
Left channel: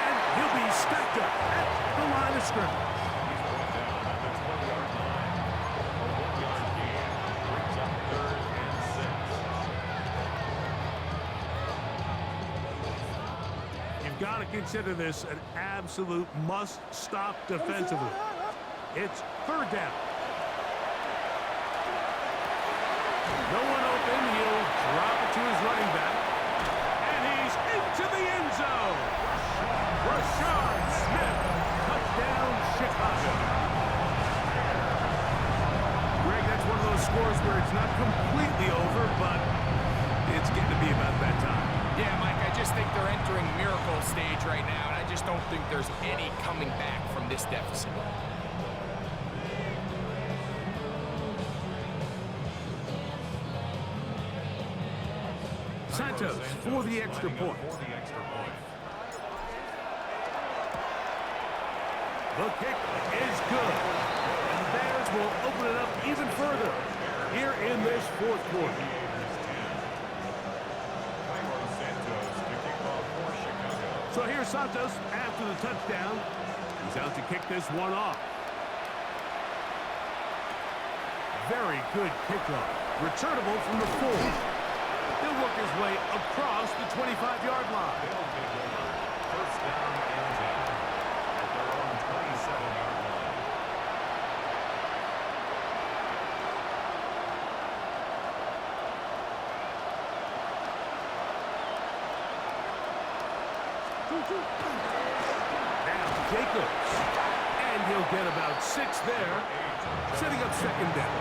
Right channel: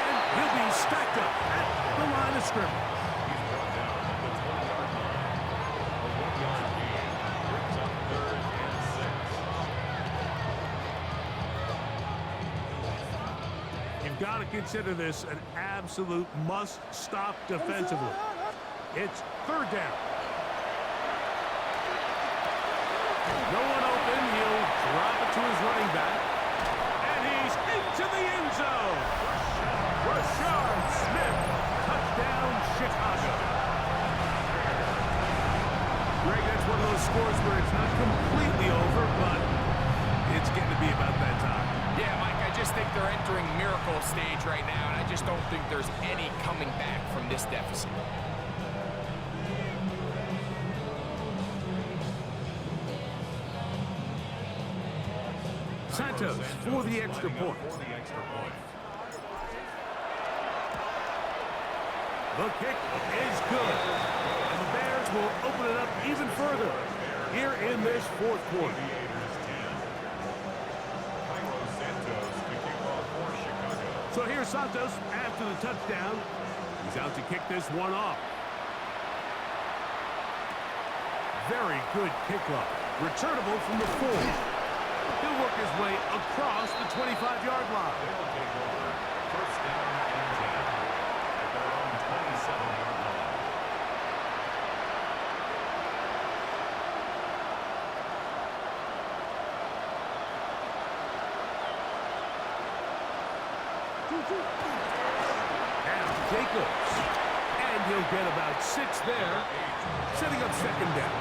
And he'll be stacked up at the line of scrimmage. He's brought down at the 20-yard line. A 1-yard gain. Brings up 3rd and 6. You've got to consider this an absolute must-stop defensively. It's 3rd down. No one open. He'll drop it to his running back. And he's into the end zone. Rashard Smith. Touchdown, Chicago. Greg, that's one of those scores where it's not completely over, but it's getting to be about that time. Yeah, Mike, I just think they're entering miracle stage right now, and I just don't think there's any coming back from this deficit. Santos for the extra point. The kick is good. And the Bears will open it up even further here in this 4th quarter. So here's Santos after the touchdown. He's out to kick this one off. Very good kickoff. Returnable from the 4. He'll work his way across the 25-yard line. They'll take over 1st down and 10 at their own 27-yard line. Now Jacobs. And he'll get about 6 there, setting up 2nd down.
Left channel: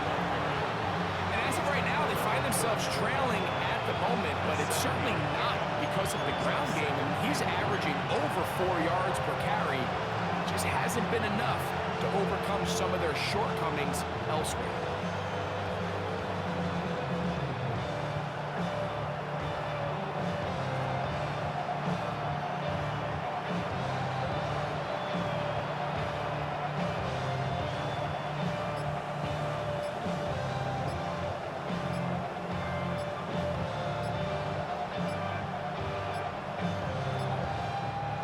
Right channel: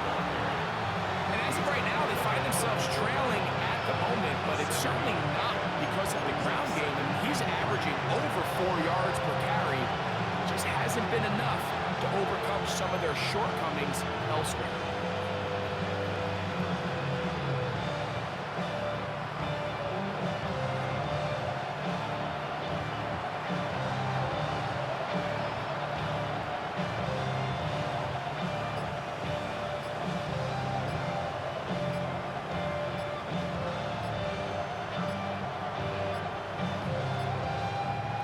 And as of right now, they find themselves trailing at the moment, but it's certainly not because of the ground game. I mean, he's averaging over 4 yards per carry. Just hasn't been enough to overcome some of their shortcomings elsewhere.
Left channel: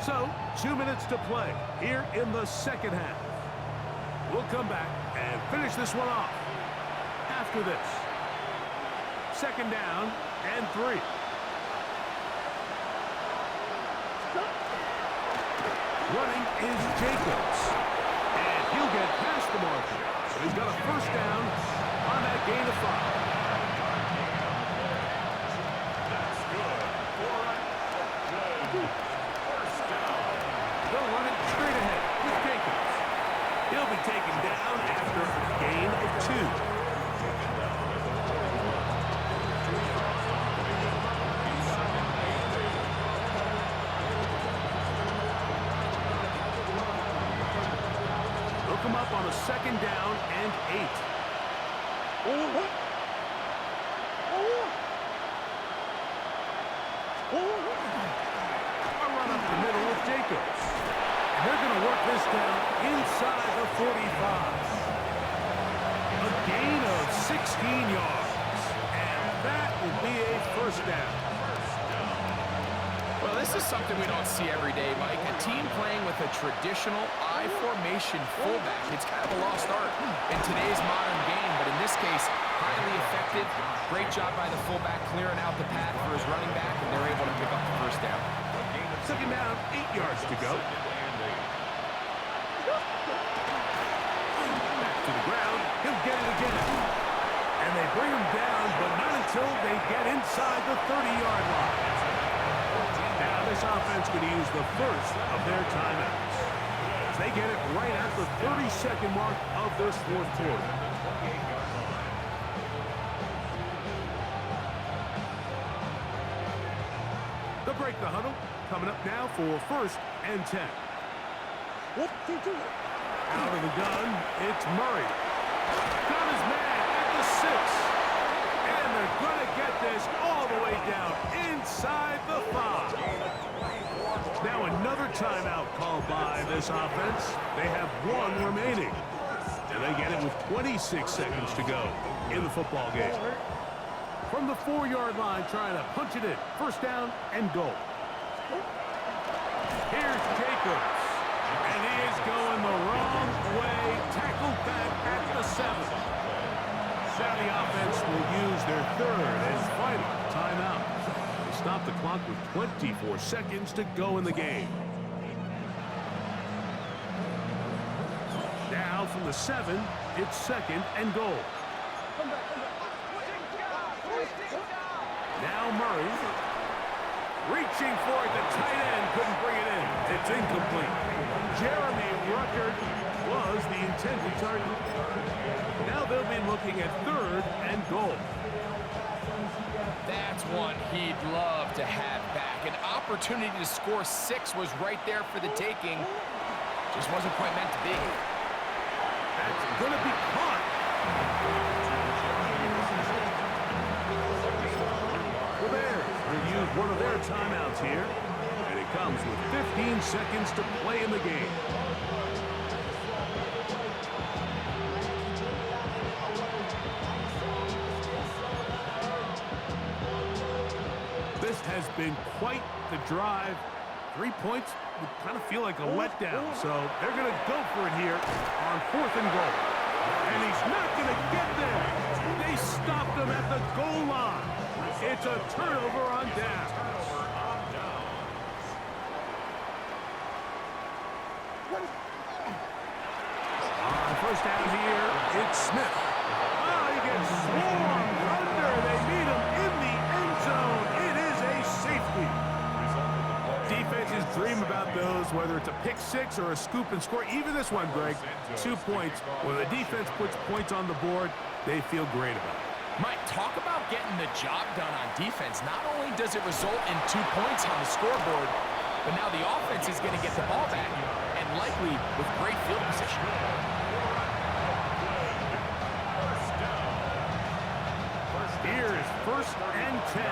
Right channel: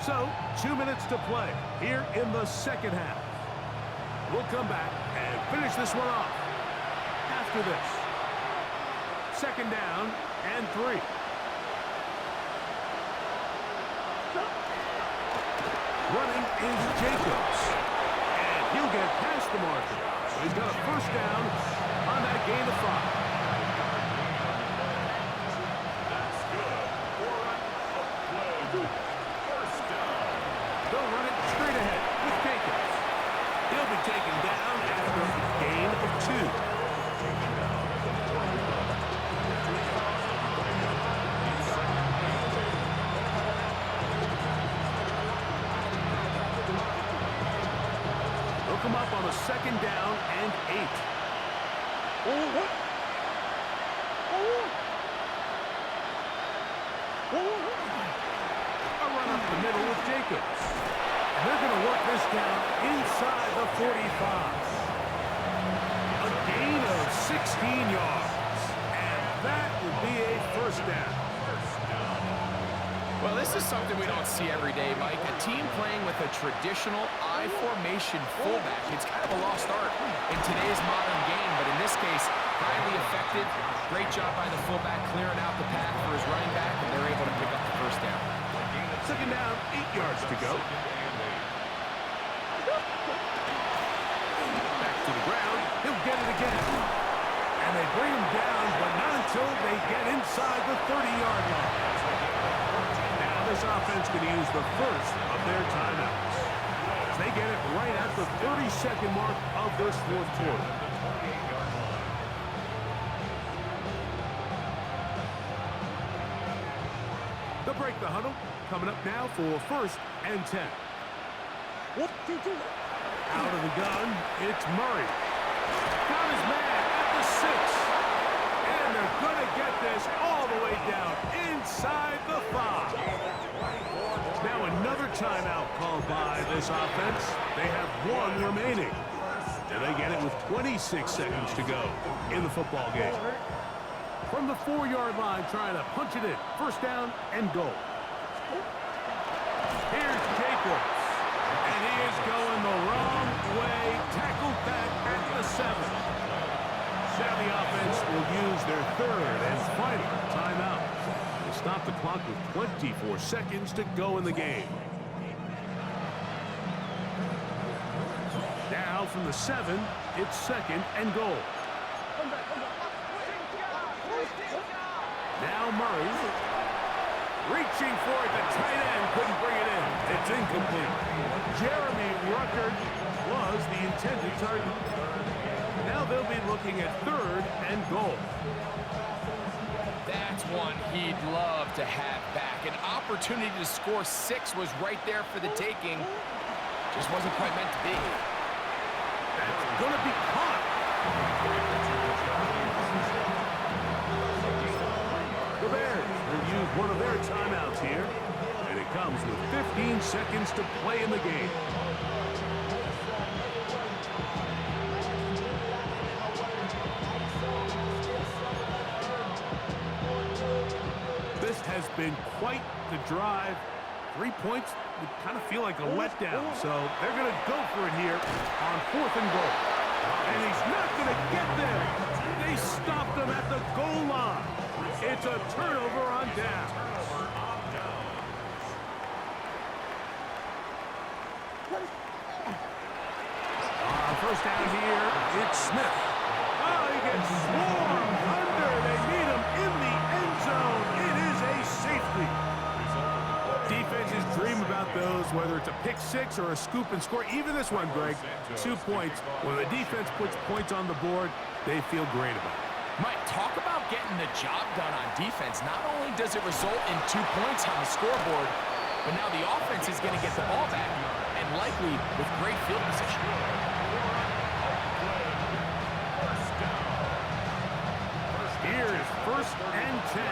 So, 2 minutes to play here in the 2nd half. We'll come back and finish this one off after this. 2nd down and 3. Running is Jacobs. And he'll get past the marker. So he's got a first down on that gain of 5. That's good. 4 of play. First down. They'll run it straight ahead with Jacobs. He'll be taken down after a gain of 2. Taken down at the 41. 2 yards on the pickup. He's second and 8. They'll come up on a second down and 8. A run up the middle with Jacobs. And they're going to work this down inside the 45. A gain of 16 yards. And that will be a first down. Well, this is something we don't see every day, Mike. A team playing with a traditional I formation fullback. It's kind of a lost art in today's modern game, but in this case, highly effective. Great job by the fullback clearing out the path for his running back, and they're able to pick up the first down. Second down, 8 yards to go. Back to the ground. He'll get it again. And they bring him down, but not until they get inside the 30-yard line. Now this offense could use the first of their timeouts. As they get it right at the 30-second mark of this fourth quarter. They'll break the huddle. Coming up now for first and 10. Out of the gun, it's Murray. Got his man at the 6. And they're going to get this all the way down inside the 5. Now another timeout called by this offense. They have 1 remaining. And they get it with 26 seconds to go in the football game. From the 4-yard line, trying to punch it in. First down and goal. Here's Jacobs. And he is going the wrong way. Tackled back at the 7. Now the offense will use their third and final timeout. They stop the clock with 24 seconds to go in the game. Now from the 7, it's second and goal. Now Murray. Reaching for it, the tight end couldn't bring it in. It's incomplete. Jeremy Ruckert was the intended target. Now they'll be looking at third and goal. That's one he'd love to have back. An opportunity to score 6 was right there for the taking. Just wasn't quite meant to be. That's going to be caught. The Bears will use one of their timeouts here. And it comes with 15 seconds to play in the game. This has been quite the drive. 3 points would kind of feel like a letdown. So they're going to go for it here on 4th and goal. And he's not going to get there. They stopped him at the goal line. It's a turnover on down. First down here, it's Smith. Oh, he gets swarmed under. They meet him in the end zone. It is a safety. Defenses dream about those, whether it's a pick 6 or a scoop and score. Even this one, Greg, 2 points. When the defense puts points on the board, they feel great about it. Mike, talk about getting the job done on defense. Not only does it result in 2 points on the scoreboard, but now the offense is going to get the ball back, and likely with great field position. Here's first and 10.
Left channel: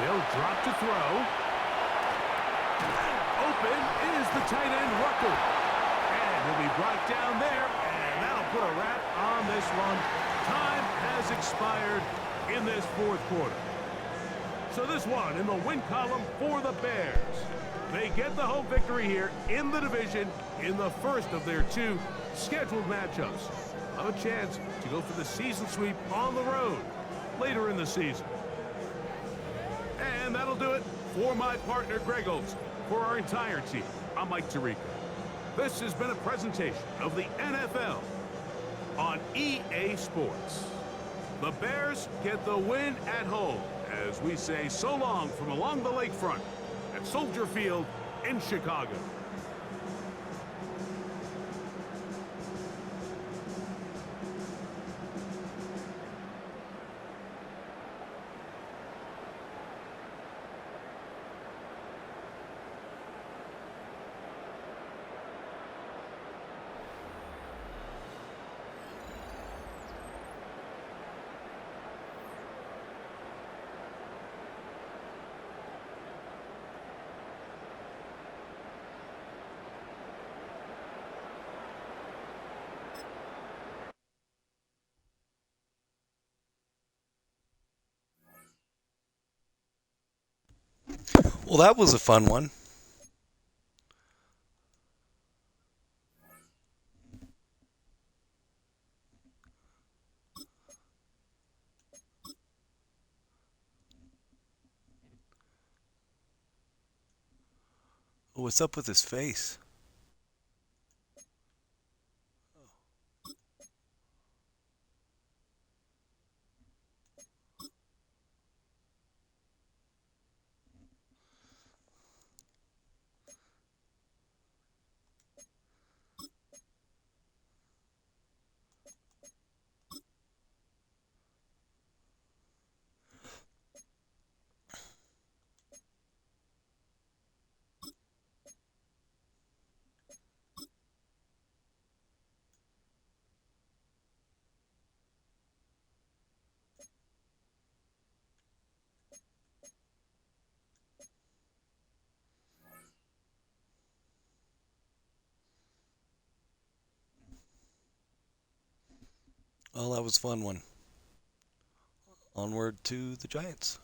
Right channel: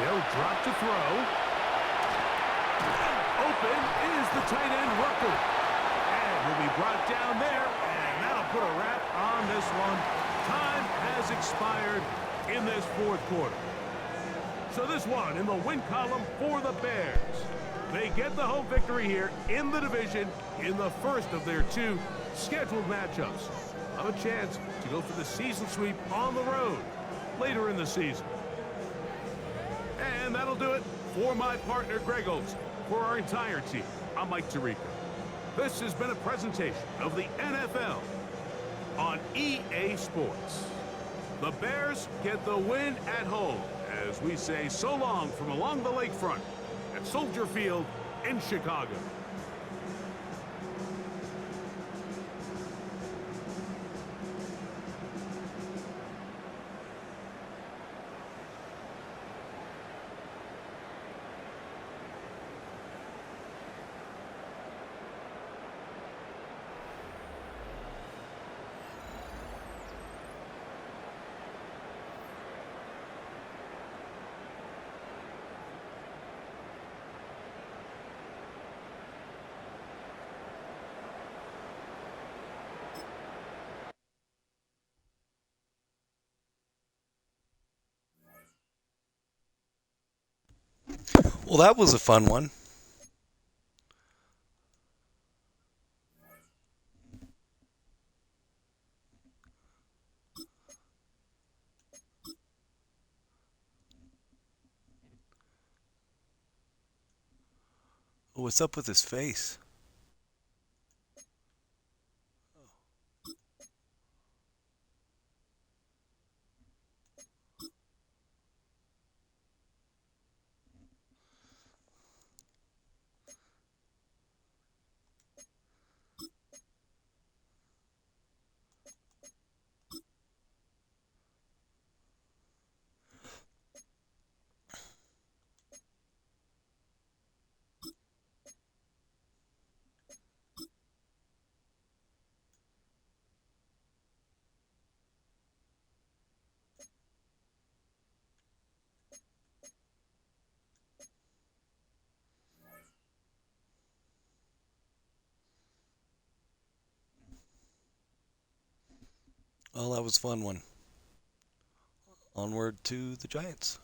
They'll drop to throw. Open is the tight end, Rucker. And he'll be brought down there, and that'll put a wrap on this one. Time has expired in this fourth quarter. So this one in the win column for the Bears. They get the home victory here in the division in the first of their 2 scheduled matchups. Have a chance to go for the season sweep on the road later in the season. And that'll do it For my partner, Greg Olson, for our entire team, I'm Mike Tirico. This has been a presentation of the NFL on EA Sports. The Bears get the win at home as we say so long from along the lakefront at Soldier Field in Chicago. Well, that was a fun one. What's up with his face? Well, that was a fun one. Onward to the Giants.